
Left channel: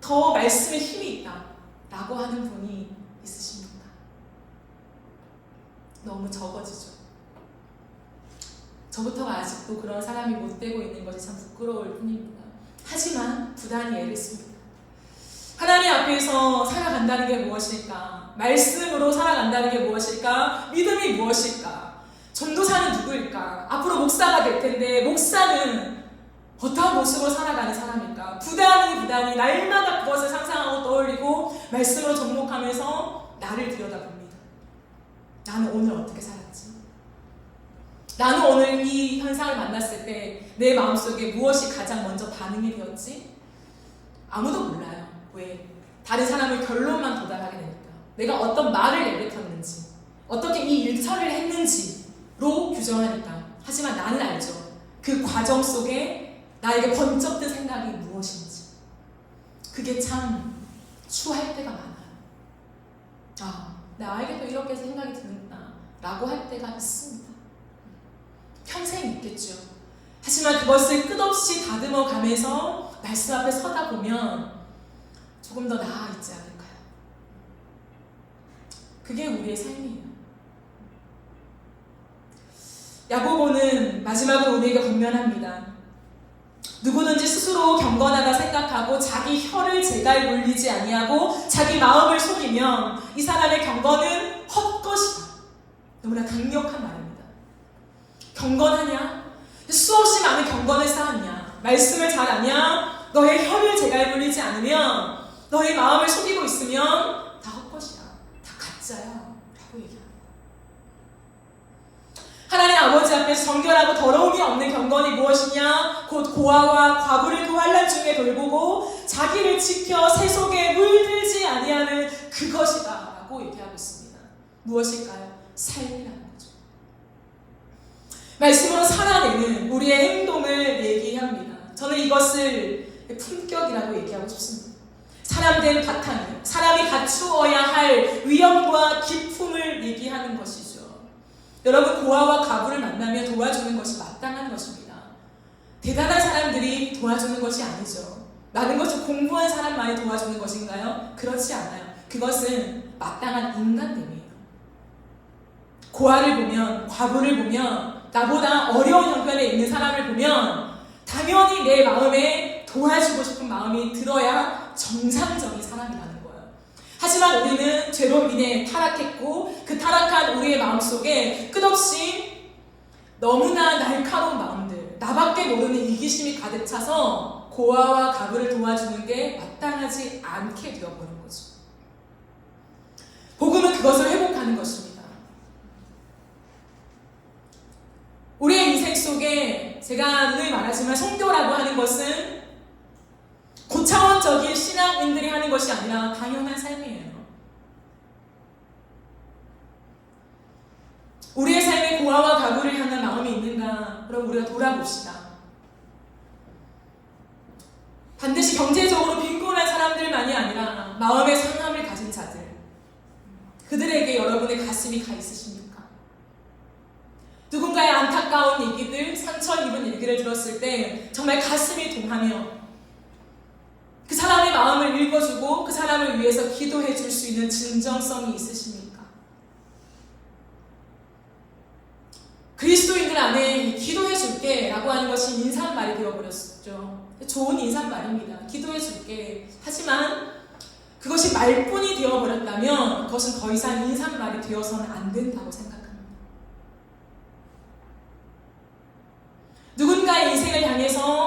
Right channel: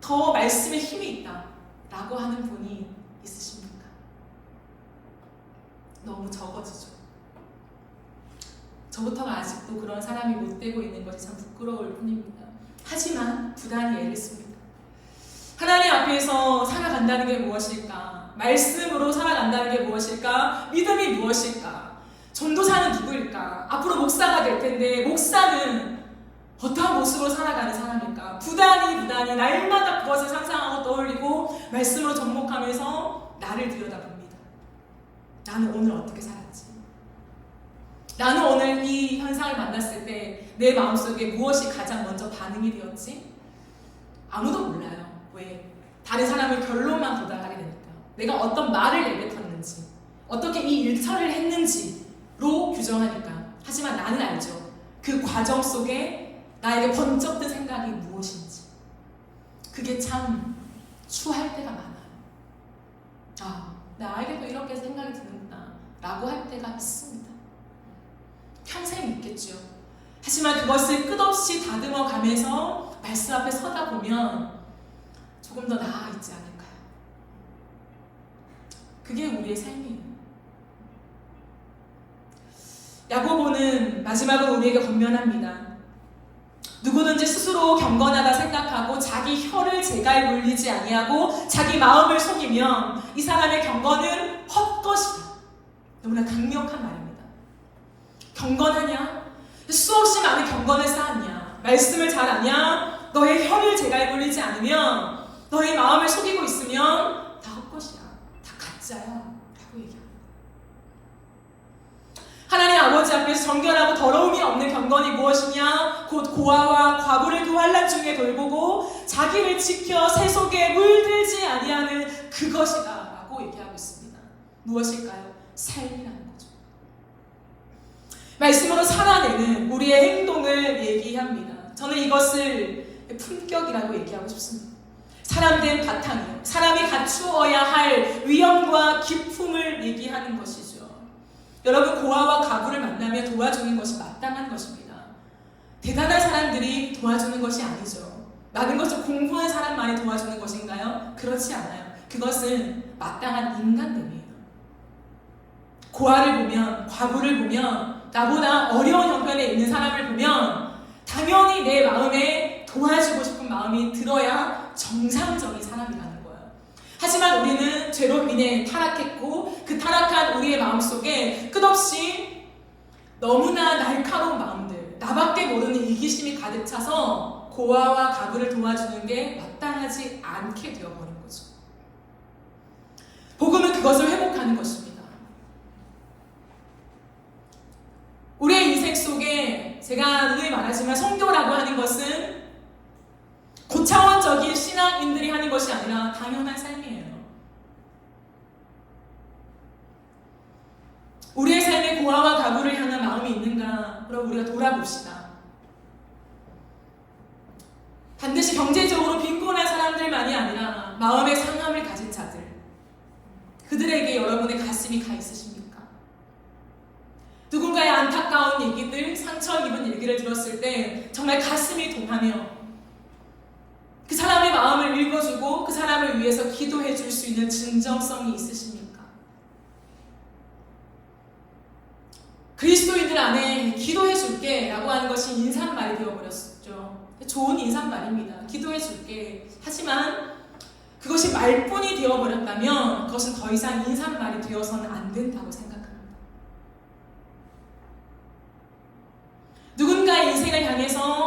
더 말씀에 힘이 있다. 라고 하는 분이 있으십니까? 너무 적어지죠. 저부터가 아직도 그런 사람이 못 되고 있는 것이 참 부끄러울 뿐입니다. 하지만 부단히 애를 씁니다. 하나님 앞에서 살아간다는 게 무엇일까? 말씀으로 살아간다는 게 무엇일까? 믿음이 무엇일까? 전도사는 누구일까? 앞으로 목사가 될 텐데 목사는 어떠한 모습으로 살아가는 사람일까? 부단히 날마다 그것을 상상하고 떠올리고 말씀으로 접목하면서 나를 들여다봅니다. 나는 오늘 어떻게 살았지? 나는 오늘 이 현상을 만났을 때 내 마음속에 무엇이 가장 먼저 반응이 되었지? 아무도 몰라요. 왜? 다른 사람의 결론만 도달하게 되니까. 내가 어떤 말을 내뱉었는지, 어떻게 이 일처리를 했는지로 규정하니까. 하지만 나는 알죠. 그 과정 속에 나에게 번쩍 든 생각이 무엇인지. 그게 참 추할 때가 많아요. 아, 나에게도 이렇게 생각이 드는구나 라고 할 때가 있습니다. 평생 있겠죠. 하지만 그것을 끝없이 다듬어 가면서 말씀 앞에 서다 보면 조금 더 나아있지 않을까요? 그게 우리의 삶이에요. 야고보는 마지막으로 우리에게 권면합니다. 누구든지 스스로 경건하다 생각하고 자기 혀를 제갈 물리지 아니하고 자기 마음을 속이면 이 사람의 경건은 헛것이다. 너무나 강력한 말입니다. 경건하냐? 수없이 많은 경건을 쌓았냐? 말씀을 잘 아냐? 너의 혀를 제갈 물리지 않으면, 너의 마음을 속이고 있으면 다 헛것이야. 다 가짜야. 라고 얘기합니다. 하나님 아버지 앞에서 정결하고 더러움이 없는 경건이 무엇이냐? 곧 고아와 과부를 그 환난 중에 돌보고 자기를 지켜 세속에 물들지 아니하는 그것이다. 라고 얘기하고 있습니다. 무엇일까요? 삶이라는 거죠. 말씀으로 살아내는 우리의 행동을 얘기합니다. 저는 이것을 품격이라고 얘기하고 싶습니다. 사람된 바탕이요. 사람이 갖추어야 할 위엄과 기품을 얘기하는 것이죠. 여러분, 고아와 과부를 만나며 도와주는 것이 마땅한 것입니다. 대단한 사람들이 도와주는 것이 아니죠. 많은 것을 공부한 사람만이 도와주는 것인가요? 그렇지 않아요. 그것은 마땅한 인간됨이에요. 고아를 보면, 과부를 보면, 나보다 어려운 형편에 있는 사람을 보면 당연히 내 마음에 도와주고 싶은 마음이 들어야 정상적인 사람이라는 거예요. 하지만 우리는 죄로 인해 타락했고 그 타락한 우리의 마음속에 끝없이 너무나 날카로운 마음들, 나밖에 모르는 이기심이 가득 차서 고아와 과부를 도와주는 게 마땅하지 않게 되어버린 거죠. 복음은 그것을 회복하는 것입니다. 우리의 인생 속에 제가 늘 말하지만 성교라고 하는 것은 고차원적인 신앙인들이 하는 것이 아니라 당연한 삶이에요. 우리의 삶에 고아와 과부를 향한 마음이 있는가? 그럼 우리가 돌아봅시다. 반드시 경제적으로 빈곤한 사람들만이 아니라 마음의 상함을 가진 자들, 그들에게 여러분의 가슴이 가 있으십니까? 누군가의 안타까운 얘기들, 상처 입은 얘기를 들었을 때 정말 가슴이 동하며 그 사람의 마음을 읽어주고 그 사람을 위해서 기도해 줄 수 있는 진정성이 있으십니까? 그리스도인들 안에 기도해 줄게 라고 하는 것이 인사말이 되어버렸죠. 좋은 인사말입니다. 기도해 줄게. 하지만 그것이 말뿐이 되어버렸다면 그것은 더 이상 인사말이 되어서는 안 된다고 생각합니다. 누군가의 인생을 향해서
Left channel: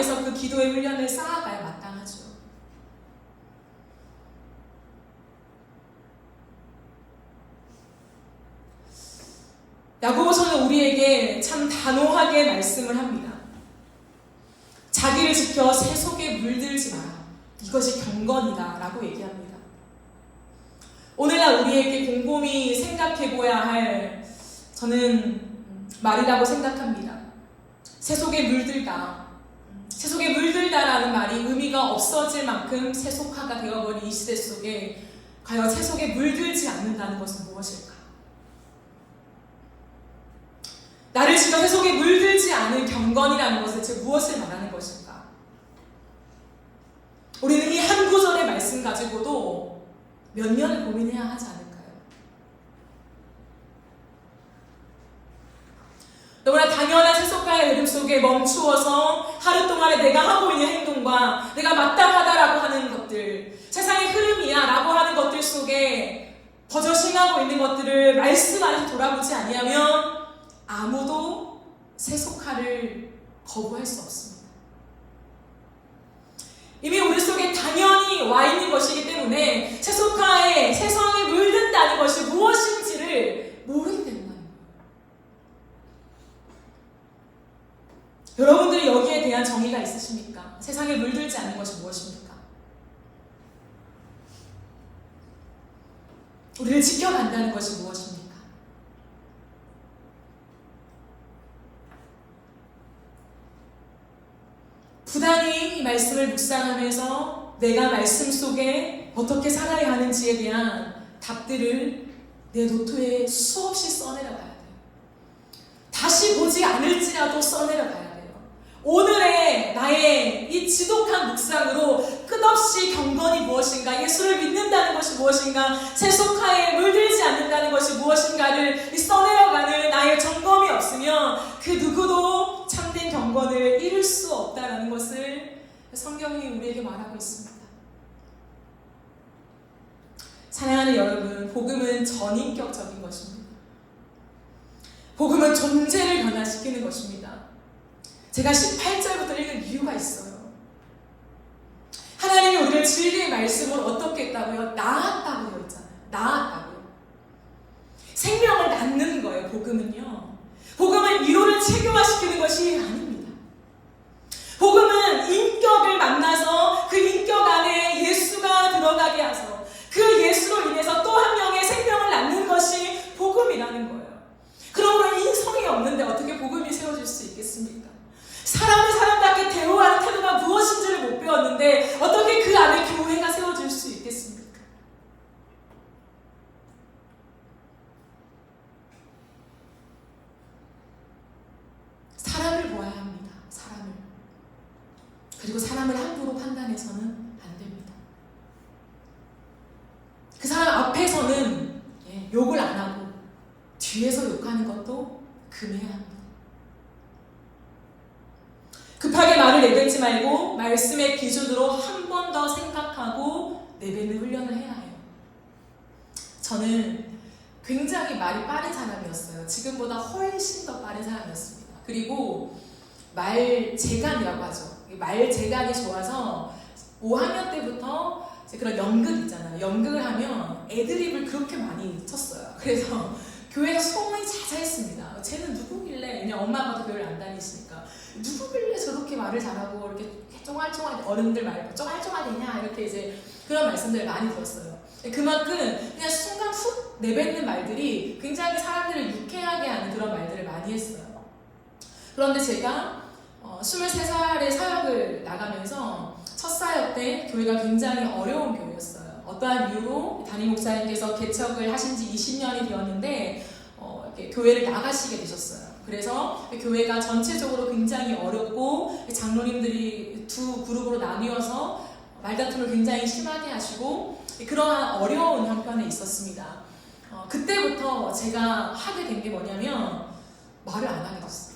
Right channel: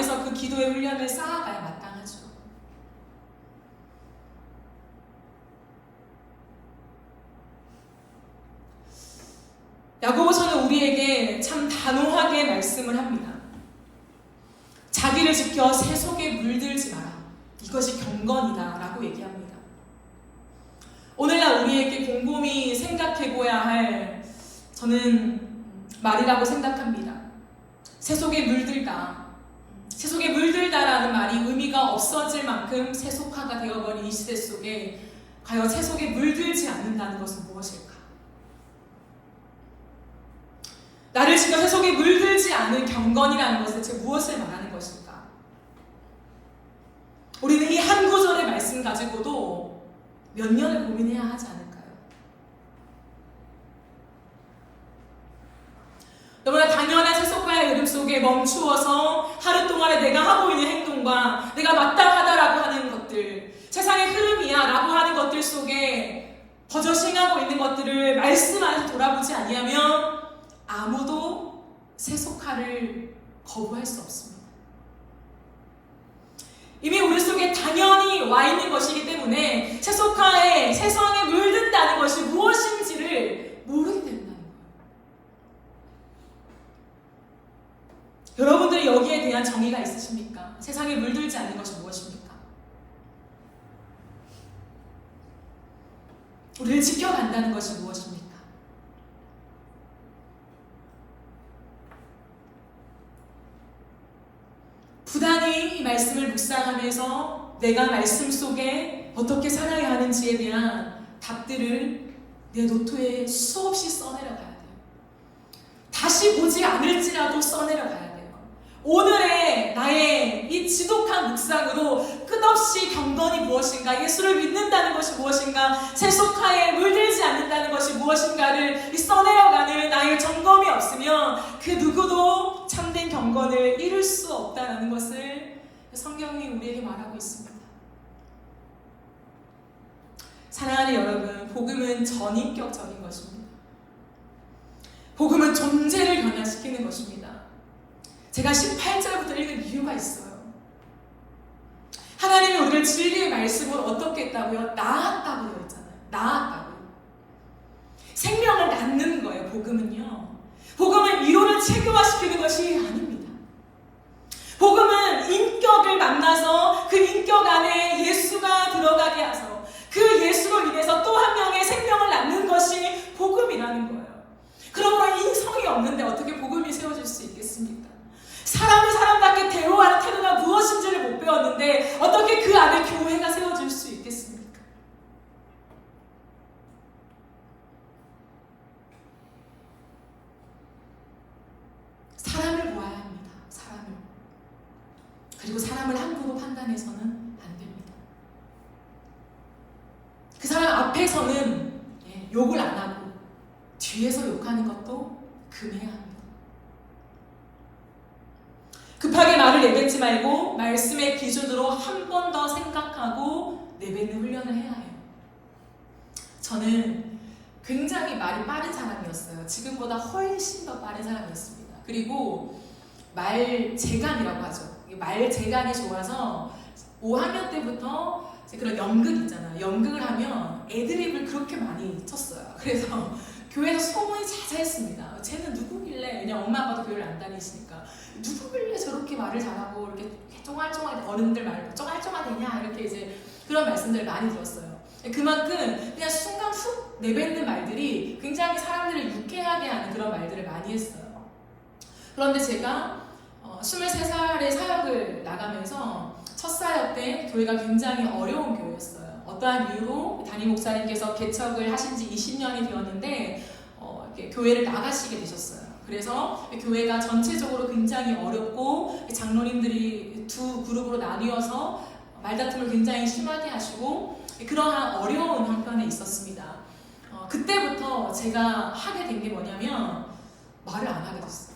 앞에서 그 기도의 훈련을 쌓아가야 마땅하죠. 야고보서는 우리에게 참 단호하게 말씀을 합니다. 자기를 지켜 새 속에 물들지 마라. 이것이 경건이다 라고 얘기합니다. 오늘날 우리에게 곰곰이 생각해보아야 할 저는 말이라고 생각합니다. 새 속에 물들다. 새 속에 물들다라는 말이 의미가 없어질 만큼 세속화가 되어버린 이 시대 속에 과연 새 속에 물들지 않는다는 것은 무엇일까? 나를 지켜 새 속에 물들지 않은 경건이라는 것을 즉 무엇을 말하는 것일까? 우리는 이 한 구절의 말씀 가지고도 몇 년을 고민해야 하지 않을까요? 너무나 당연한 세속화의 흐름 속에 멈추어서 하루 동안에 내가 하고 있는 행동과 내가 마땅하다라고 하는 것들, 세상의 흐름이야 라고 하는 것들 속에 버젓이 행하고 있는 것들을 말씀 안에서 돌아보지 아니하면 아무도 세속화를 거부할 수 없습니다. 이미 우리 속에 당연히 와 있는 것이기 때문에 세속화에 세상에 물든다는 것이 무엇인지를 모르게 된다는 거예요. 여러분들이 여기에 대한 정의가 있으십니까? 세상에 물들지 않는 것이 무엇입니까? 우리를 지켜간다는 것이 무엇입니까? 부단히 이 말씀을 묵상하면서 내가 말씀 속에 어떻게 살아야 하는지에 대한 답들을 내 노트에 수없이 써내려가야 돼요. 다시 보지 않을지라도 써내려가야 돼요. 오늘의 나의 이 지독한 묵상으로 끝없이 경건이 무엇인가, 예수를 믿는다는 것이 무엇인가, 세속화에 물들지 않는다는 것이 무엇인가를 써내려가는 나의 점검이 없으면 그 누구도 참된 경건을 이룰 수 없다는 것을 성경이 우리에게 말하고 있습니다. 사랑하는 여러분, 복음은 전인격적인 것입니다. 복음은 존재를 변화시키는 것입니다. 제가 18절부터 읽은 이유가 있어요. 하나님이 우리를 진리의 말씀으로 어떻게 했다고요? 낳았다고 되어 있잖아요. 낳았다고요. 생명을 낳는 거예요. 복음은요. 복음은 이론을 체계화시키는 것이 아닙니다. 복음은 인격을 만나서 그 인격 안에 예수가 들어가게 하서 그 예수로 인해서 또 한 명의 생명을 낳는 것이 복음이라는 거예요. 그러므로 인성이 없는데 어떻게 복음이 세워질 수 있겠습니까? 사람을 사람답게 대우하는 태도가 무엇인지를 못 배웠는데 어떻게 그 안에 교회가 세워질 수 있겠습니까? 사람을 보아야 합니다. 사람을. 그리고 사람을 함부로 판단해서는 안 됩니다. 그 사람 앞에서는 욕을 안 하고 뒤에서 욕하는 것도 금해야 합니다. 급하게 말을 내뱉지 말고 말씀의 기준으로 한 번 더 생각하고 내뱉는 훈련을 해야 해요. 저는 굉장히 말이 빠른 사람이었어요. 지금보다 훨씬 더 빠른 사람이었습니다. 그리고 말재간이라고 하죠. 말재간이 좋아서 5학년 때부터 그런 연극 있잖아요. 연극을 하면 애드립을 그렇게 많이 쳤어요. 그래서 교회에서 소문이 자자했습니다. 쟤는 누구길래, 그냥 엄마 아빠도 교회를 안 다니시니까 누구길래 저렇게 말을 잘하고 이렇게 쫑알쫑알, 어른들 말고 쫑알쫑알되냐 이렇게 이제 그런 말씀들을 많이 들었어요. 그만큼 그냥 순간 훅 내뱉는 말들이 굉장히 사람들을 유쾌하게 하는 그런 말들을 많이 했어요. 그런데 제가 23살에 사역을 나가면서 첫 사역 때 교회가 굉장히 어려운 교회였어요. 어떠한 이유로 담임 목사님께서 개척을 하신 지 20년이 되었는데 이렇게 교회를 나가시게 되셨어요. 그래서 교회가 전체적으로 굉장히 어렵고 장로님들이 두 그룹으로 나뉘어서 말다툼을 굉장히 심하게 하시고 그러한 어려운 형편에 있었습니다. 그때부터 제가 하게 된 게 뭐냐면 말을 안 하게 됐어요.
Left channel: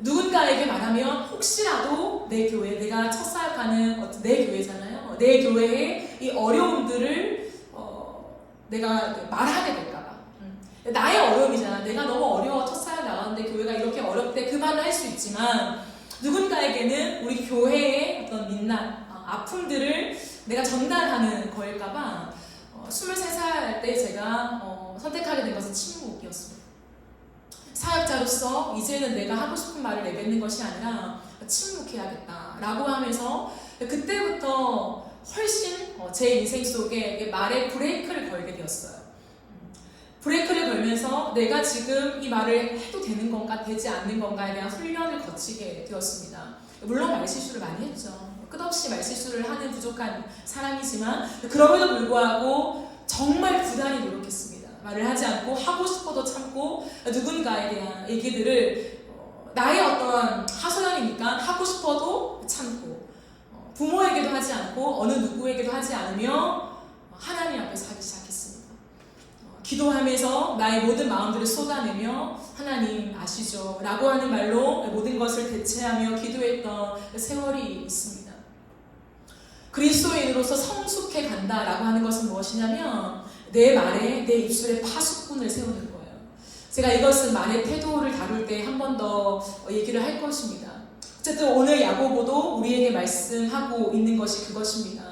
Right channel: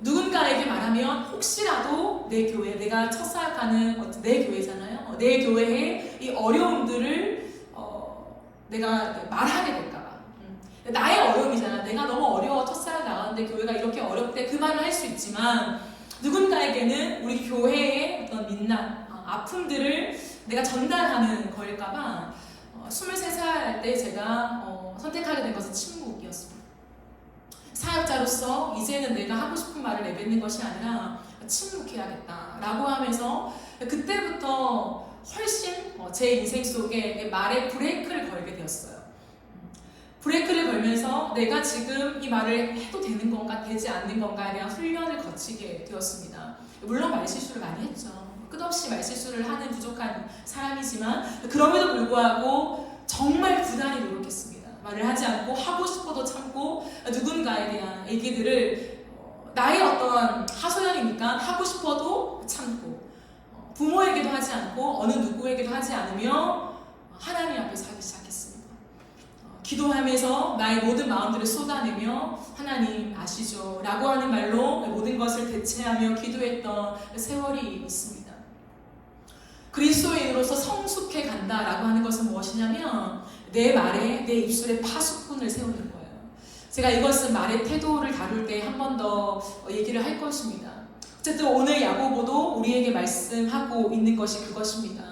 누군가에게 말하면 혹시라도 내 교회, 내가 첫 사역하는 내 교회잖아요. 내 교회의 이 어려움들을 내가 말하게 될까봐. 나의 어려움이잖아. 내가 너무 어려워 첫 사역 나가는데 교회가 이렇게 어렵대. 그 말을 할 수 있지만 누군가에게는 우리 교회의 어떤 민낯, 아픔들을 내가 전달하는 거일까봐 23살 때 제가 선택하게 된 것은 침묵이었습니다. 사역자로서 이제는 내가 하고 싶은 말을 내뱉는 것이 아니라 침묵해야겠다라고 하면서 그때부터 훨씬 제 인생 속에 말에 브레이크를 걸게 되었어요. 브레이크를 걸면서 내가 지금 이 말을 해도 되는 건가 되지 않는 건가에 대한 훈련을 거치게 되었습니다. 물론 말실수를 많이 했죠. 끝없이 말실수를 하는 부족한 사람이지만 그럼에도 불구하고 정말 부단히 노력했습니다. 말을 하지 않고 하고 싶어도 참고 누군가에 대한 얘기들을 나의 어떠한 하소연이니까 하고 싶어도 참고 부모에게도 하지 않고 어느 누구에게도 하지 않으며 하나님 앞에서 하기 시작했습니다. 기도하면서 나의 모든 마음들을 쏟아내며 하나님 아시죠? 라고 하는 말로 모든 것을 대체하며 기도했던 세월이 있습니다. 그리스도인으로서 성숙해 간다라고 하는 것은 무엇이냐면 내 말에 내 입술에 파수꾼을 세우는 거예요. 제가 이것은 말의 태도를 다룰 때 한 번 더 얘기를 할 것입니다. 어쨌든 오늘 야고보도 우리에게 말씀하고 있는 것이 그것입니다.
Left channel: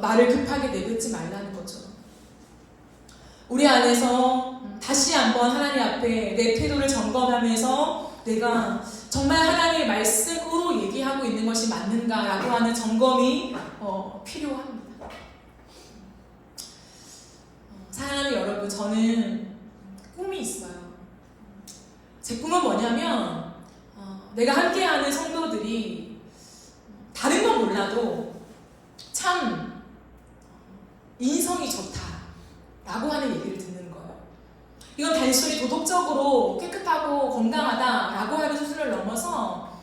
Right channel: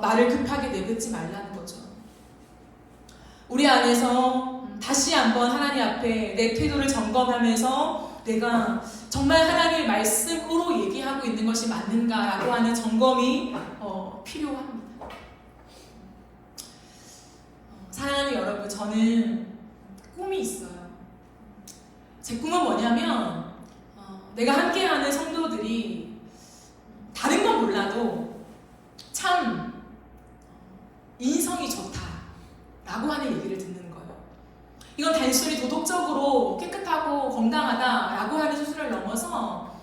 말을 급하게 내뱉지 말라는 거죠. 우리 안에서 다시 한번 하나님 앞에 내 태도를 점검하면서 내가 정말 하나님의 말씀으로 얘기하고 있는 것이 맞는가라고 하는 점검이 필요합니다. 사랑하는 여러분, 저는 꿈이 있어요. 제 꿈은 뭐냐면 내가 함께하는 성도들이 다른 건 몰라도 참 인성이 좋다라고 하는 얘기를 듣는 거예요. 이건 단순히 도덕적으로 깨끗하고 건강하다라고 하는 수준을 넘어서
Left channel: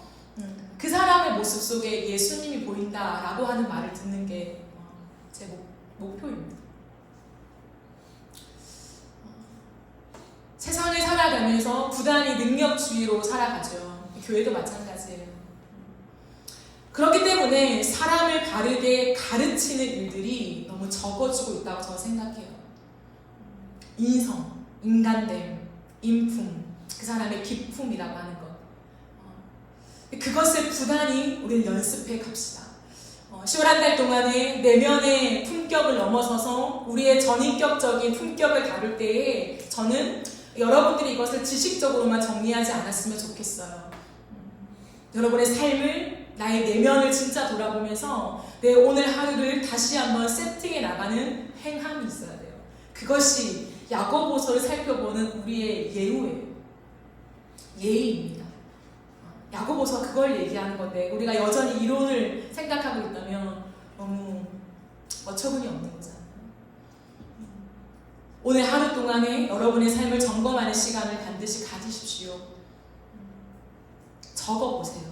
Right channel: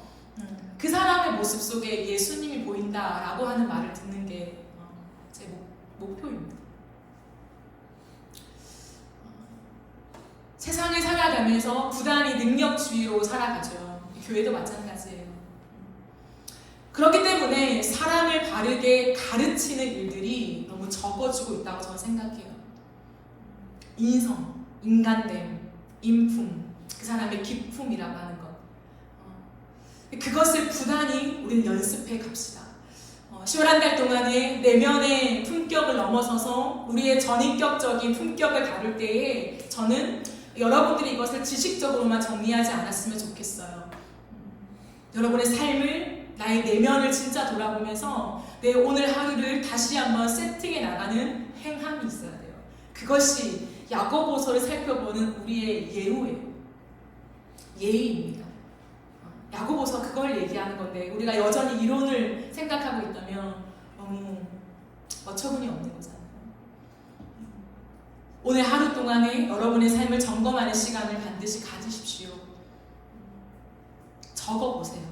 그 사람의 모습 속에 예수님이 보인다라고 하는 말을 듣는 게 제 목표입니다. 세상을 살아가면서 부단히 능력주의로 살아가죠. 교회도 마찬가지예요. 그렇기 때문에 사람을 바르게 가르치는 일들이 너무 적어지고 있다고 저는 생각해요. 인성, 인간됨, 인품, 그 사람의 기품이라고 하는 것. 그것을 부단히 우리는 연습해 갑시다. 10월 한 달 동안에 내면의 품격을 넘어서서 우리의 전인격적인 품격을 다룰 때에 저는 여러분들이 이것을 지식적으로만 정리하지 않았으면 좋겠어요. 여러분의 삶을, 나의 내면을 진짜 돌아보면서 내 오늘 하루를 다시 한번 세팅해 나가는 행함이 있어야 돼요. 그것이 야고보서를 살펴보는 우리의 예우예요. 예의입니다. 야고보서 그걸 얘기하는 건데 우리가 여전히 이론을 생각하고 있다면 너무 어처구니 없는 거잖아요. 오늘 하루 동안에 여러분의 삶을 점검하는 시간을 반드시 가지십시오. 적어보세요.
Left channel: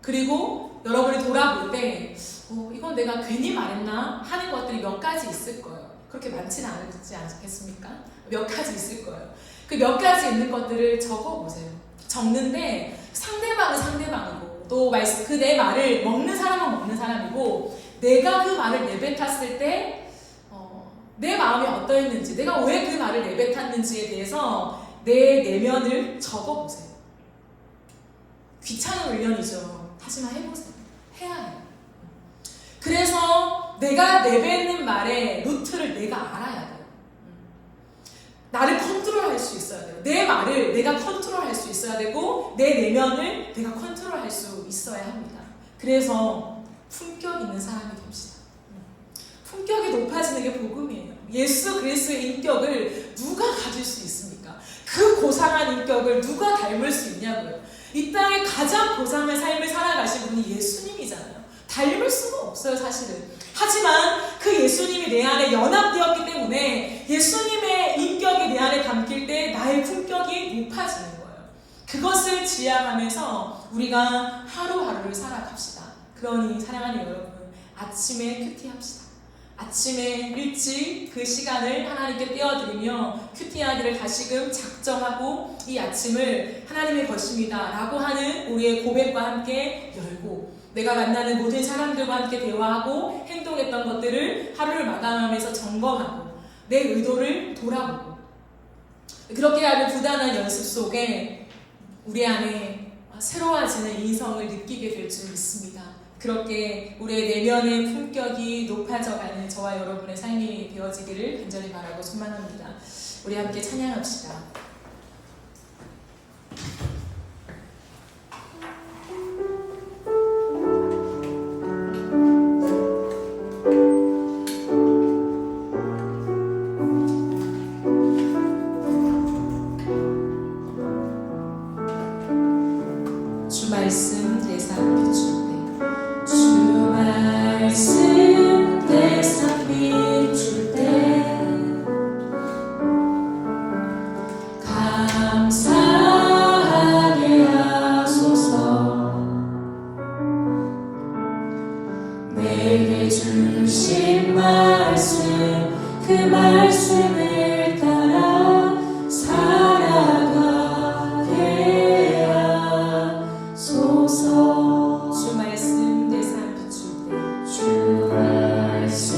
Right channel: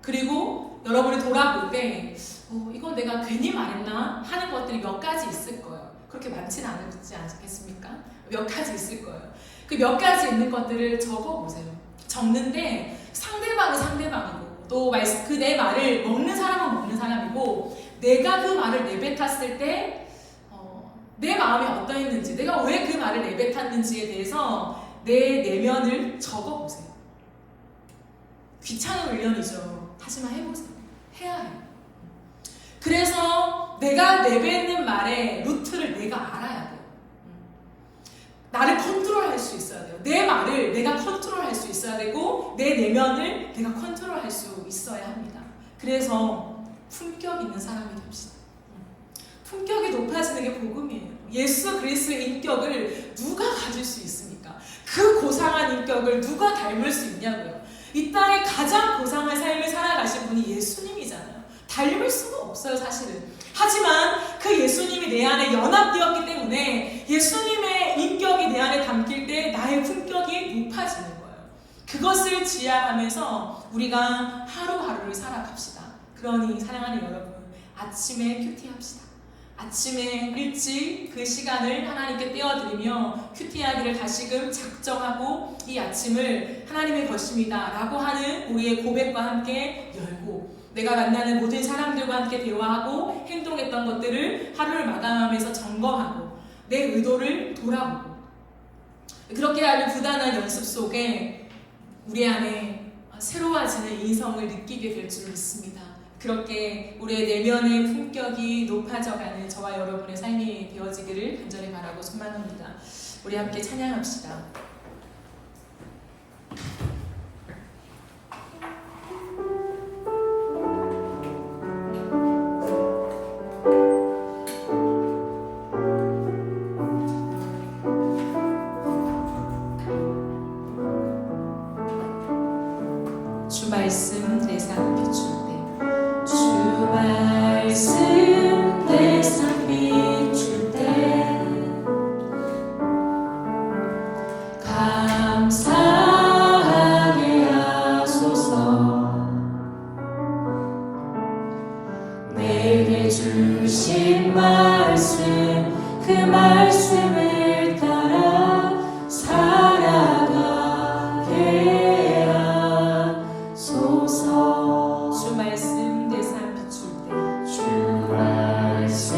그리고 여러분이 돌아볼 때 이건 내가 괜히 말했나 하는 것들이 몇 가지 있을 거예요. 그렇게 많지는 않지 않겠습니까? 몇 가지 있을 거예요. 그 몇 가지 있는 것들을 적어보세요. 적는데 상대방은 상대방이고 또 그 내 말을 먹는 사람은 먹는 사람이고 내가 그 말을 내뱉었을 때 내 마음이 어떠했는지 내가 왜 그 말을 내뱉었는지에 대해서 내 내면을 적어보세요. 귀찮은 훈련이죠. 하지만 해보세요. 해야 해요. 그래서 내가 내뱉는 말의 루트를 내가 알아야 돼요. 나를 컨트롤할 수 있어야 돼요. 내 말을 내가 컨트롤할 수 있어야 되고 내 내면을 내가 컨트롤할 수 있어야 합니다. 그래서 품격 있는 사람이 됩시다. 품격이 높아지는 게 복음이에요. 예수 그리스도의 인격을 누가 가질 수 있습니까? 그 고상한 인격을 누가 닮을 수 있냐고요. 이 땅에 가장 고상한 삶을 살아가신 분이 예수님이잖아요. 닮을 수가 없어요, 사실은. 하지만 그 예수님이 내 안에 연합되었기 때문에 예수님의 인격이 내 안에 담길 때 나의 품격이 높아지는 거예요. 그것을 지향하면서 우리가 하루하루를 살아갑시다. 그러니 사랑하는 여러분, 아침에 큐티합시다. 아침에 일찍 그 시간을 하나님께 떼어드리며 큐티하기를 다시금 작정하고 이 아침을 하나님의 것입니다 라고 하는 우리의 고백과 함께 열고 내가 만나는 모든 사람들과 함께 대화하고 행동했던 것들을 하루를 마감하면서 점검하고 내 의도를 돌아보고 그렇게 하는 부단한 연습 속에 우리 안에 새로워지는 인성을 느끼게 될 줄 믿습니다. 그렇게 우리의 내면의 품격이 높아져가는 저와 여러분의 삶이 되어지기를 간절히 바라고 소망합니다. 우리 함께 찬양합시다. 주 말씀 내 삶 비출 때, 주 말씀 내 삶 비출 때 감사하게 하소서. 내게 주신 말씀 그 말씀을 따라 살아가게 하소서. 주 말씀 내 삶 비출 때, 주 말씀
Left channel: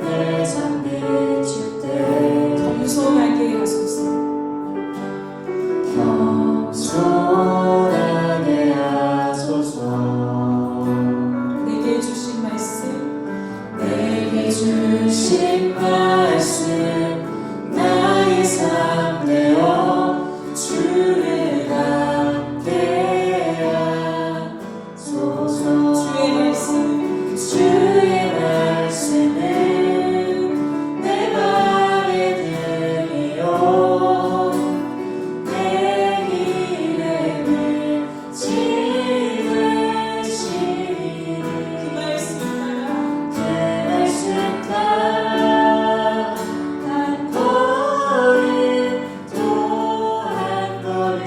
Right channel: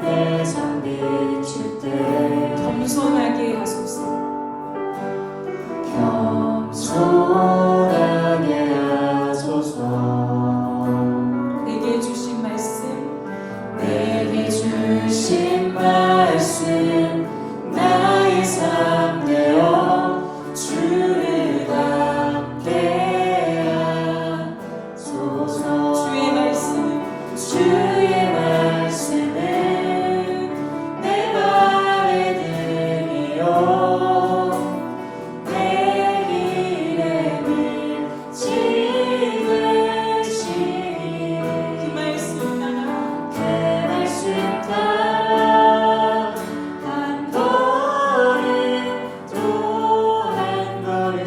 내 삶 비출 때 겸손하게 하소서. 겸손하게 하소서. 내게 주신 말씀, 내게 주신 말씀 나의 삶 되어 주를 갖게 하소서. 주의 말씀, 주의 말씀은 내 발에 들이요 내 길에 비치듯이 그 말씀 따라 한 걸음 또 한 걸음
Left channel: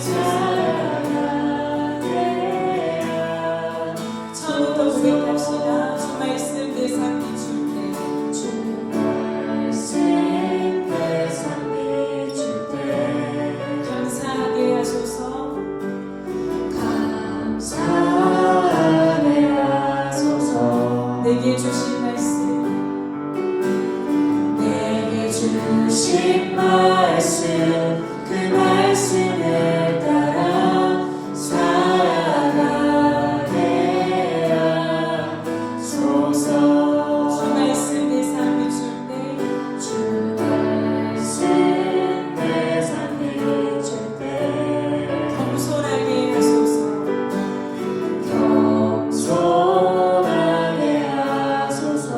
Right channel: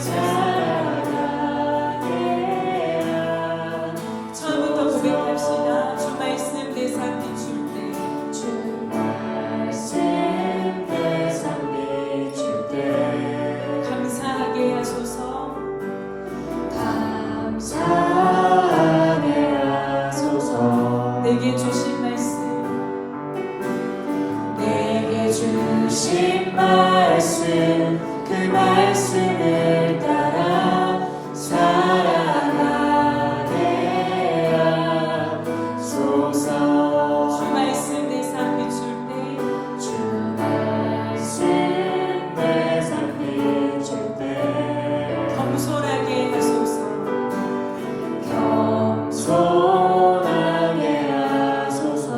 살아가게 처음부터 고백합시다. 주 말씀 내 삶 비출 때, 주 말씀 내 삶 비출 때 감사하게 하소서. 감사하게 하소서. 내게 주신 말씀, 내게 주신 말씀 그 말씀을 따라 살아가게 하소서. 주 말씀 내 삶 비출 때, 주 말씀 내 삶 비출 때 겸손하게 하소서. 겸손하게 하소서.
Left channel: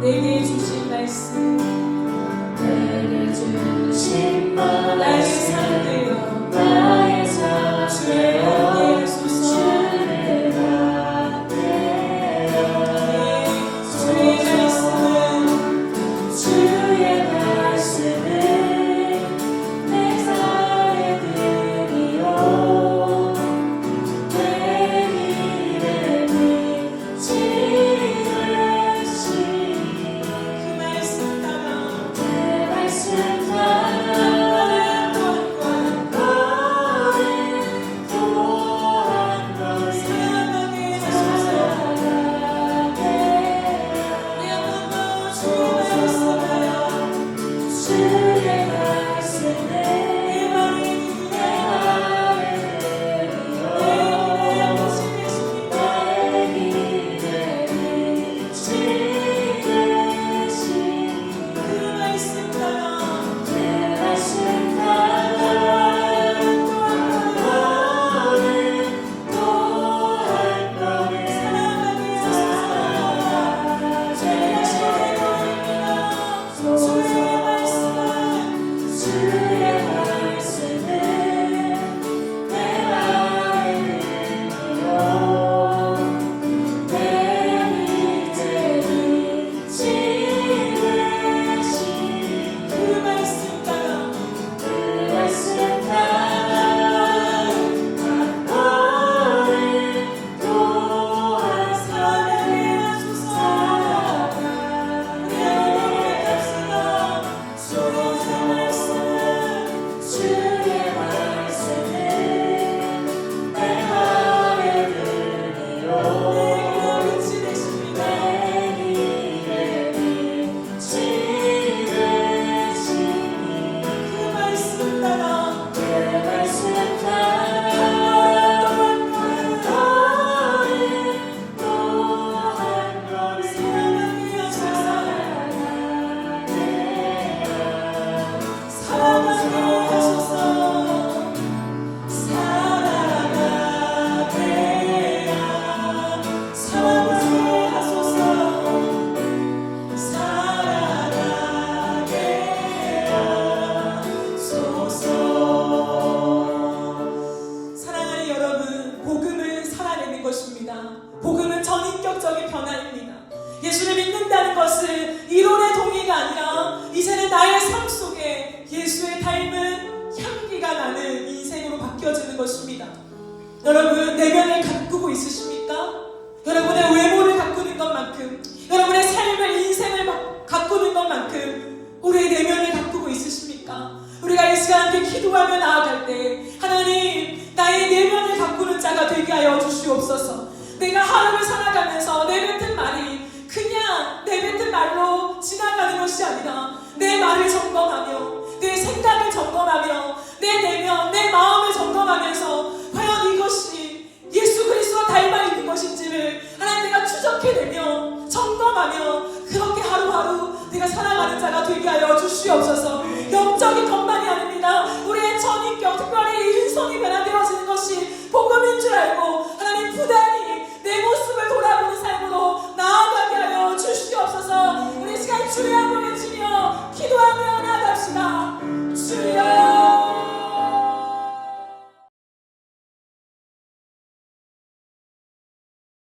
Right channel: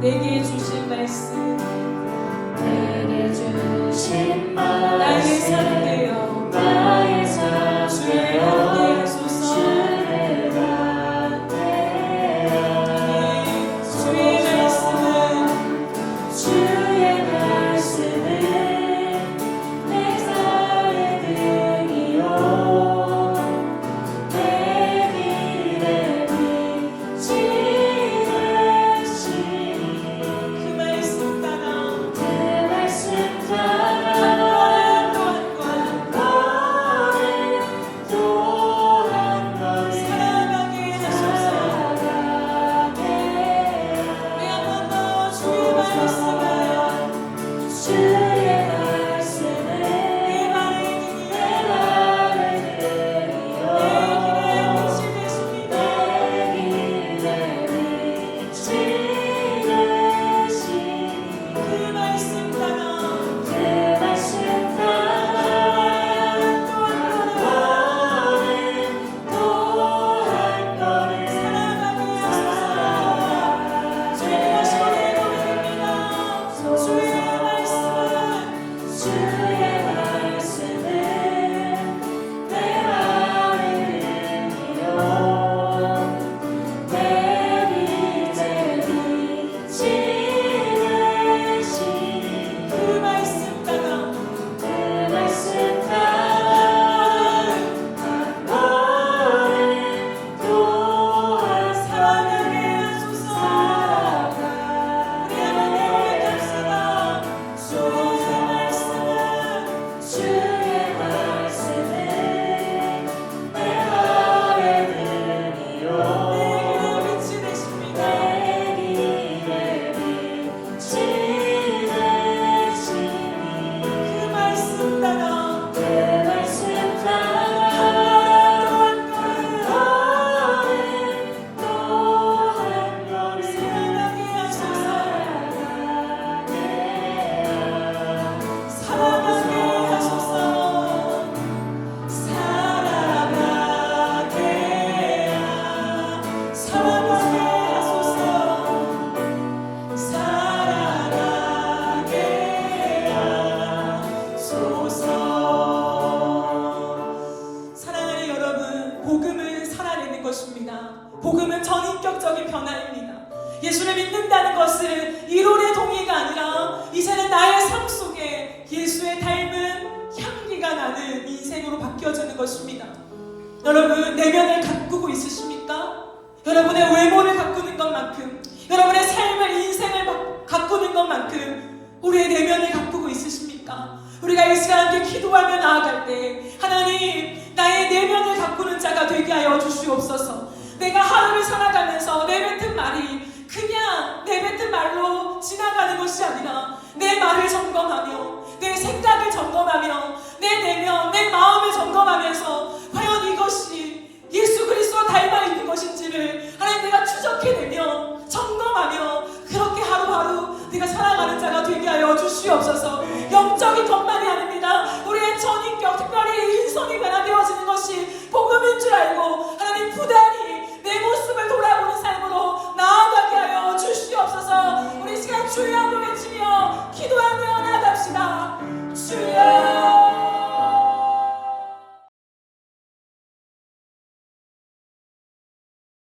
내게 주신 말씀, 내게 주신 말씀 나의 삶 되어 주를 갖게 하소서. 주의 말씀은 내 살에 들이요 내 길에 비치듯이 그 말씀 따라 한 걸음 또 한 걸음 살아가게 하소서. 우리 한 번 더 주의 말씀을, 주의 말씀을 내 말에 들이요 내 길에 비치듯이 그 말씀 따라 또 한 걸음 살아가게 하소서. 주의 말씀은 내 마음에 들이요 내 빛에 비치듯이 그 말씀 따라 한 걸음 또 한 살아가게 하소서. 우리 한번 고백합시다. 주의 말씀은 사랑하는 여러분, 복음은 살아내는 것입니다. 복음은 전인격적인 변화입니다. 예수를 믿는다는 것은 이론의 동의가 아니라 이제는 나의 삶 속에 예수의 닮은 향기가 나는 인생으로 바뀌어지는 것입니다. 여러분, 내면을 가꾸고 있으십니까? 여러분의 외모를 가꾸는 것만큼, 여러분의 삶을, 인생을 가꾸는 것만큼 우리의 내면을 가꾸고 있으십니까? 우리가 이 시간 함께 기도하며 나아갈 때 하나님, 나의 내면을 가꾸는 자가 되게 하여 주시옵소서. 내가 하루를 살아가면서 내뱉은 말이 그냥 내뱉은 말로 지나가는 것이 아니라 내 말을 점검하며 내 생각을 점검하며 내 내면, 내 마음을 점검하면서 과연 이것이 예수 그리스도로 닮아 있는 것인지를 하나님 내가 추적해내며 점검하며 그렇게 하루하루 내가 살아가는 자가 되게 하여 주시옵소서. 영적인 것만이 아닙니다. 우리의 전인격, 특별히 인성이 변화되어지는 것이 복음인 줄 알고 하나님 부대하게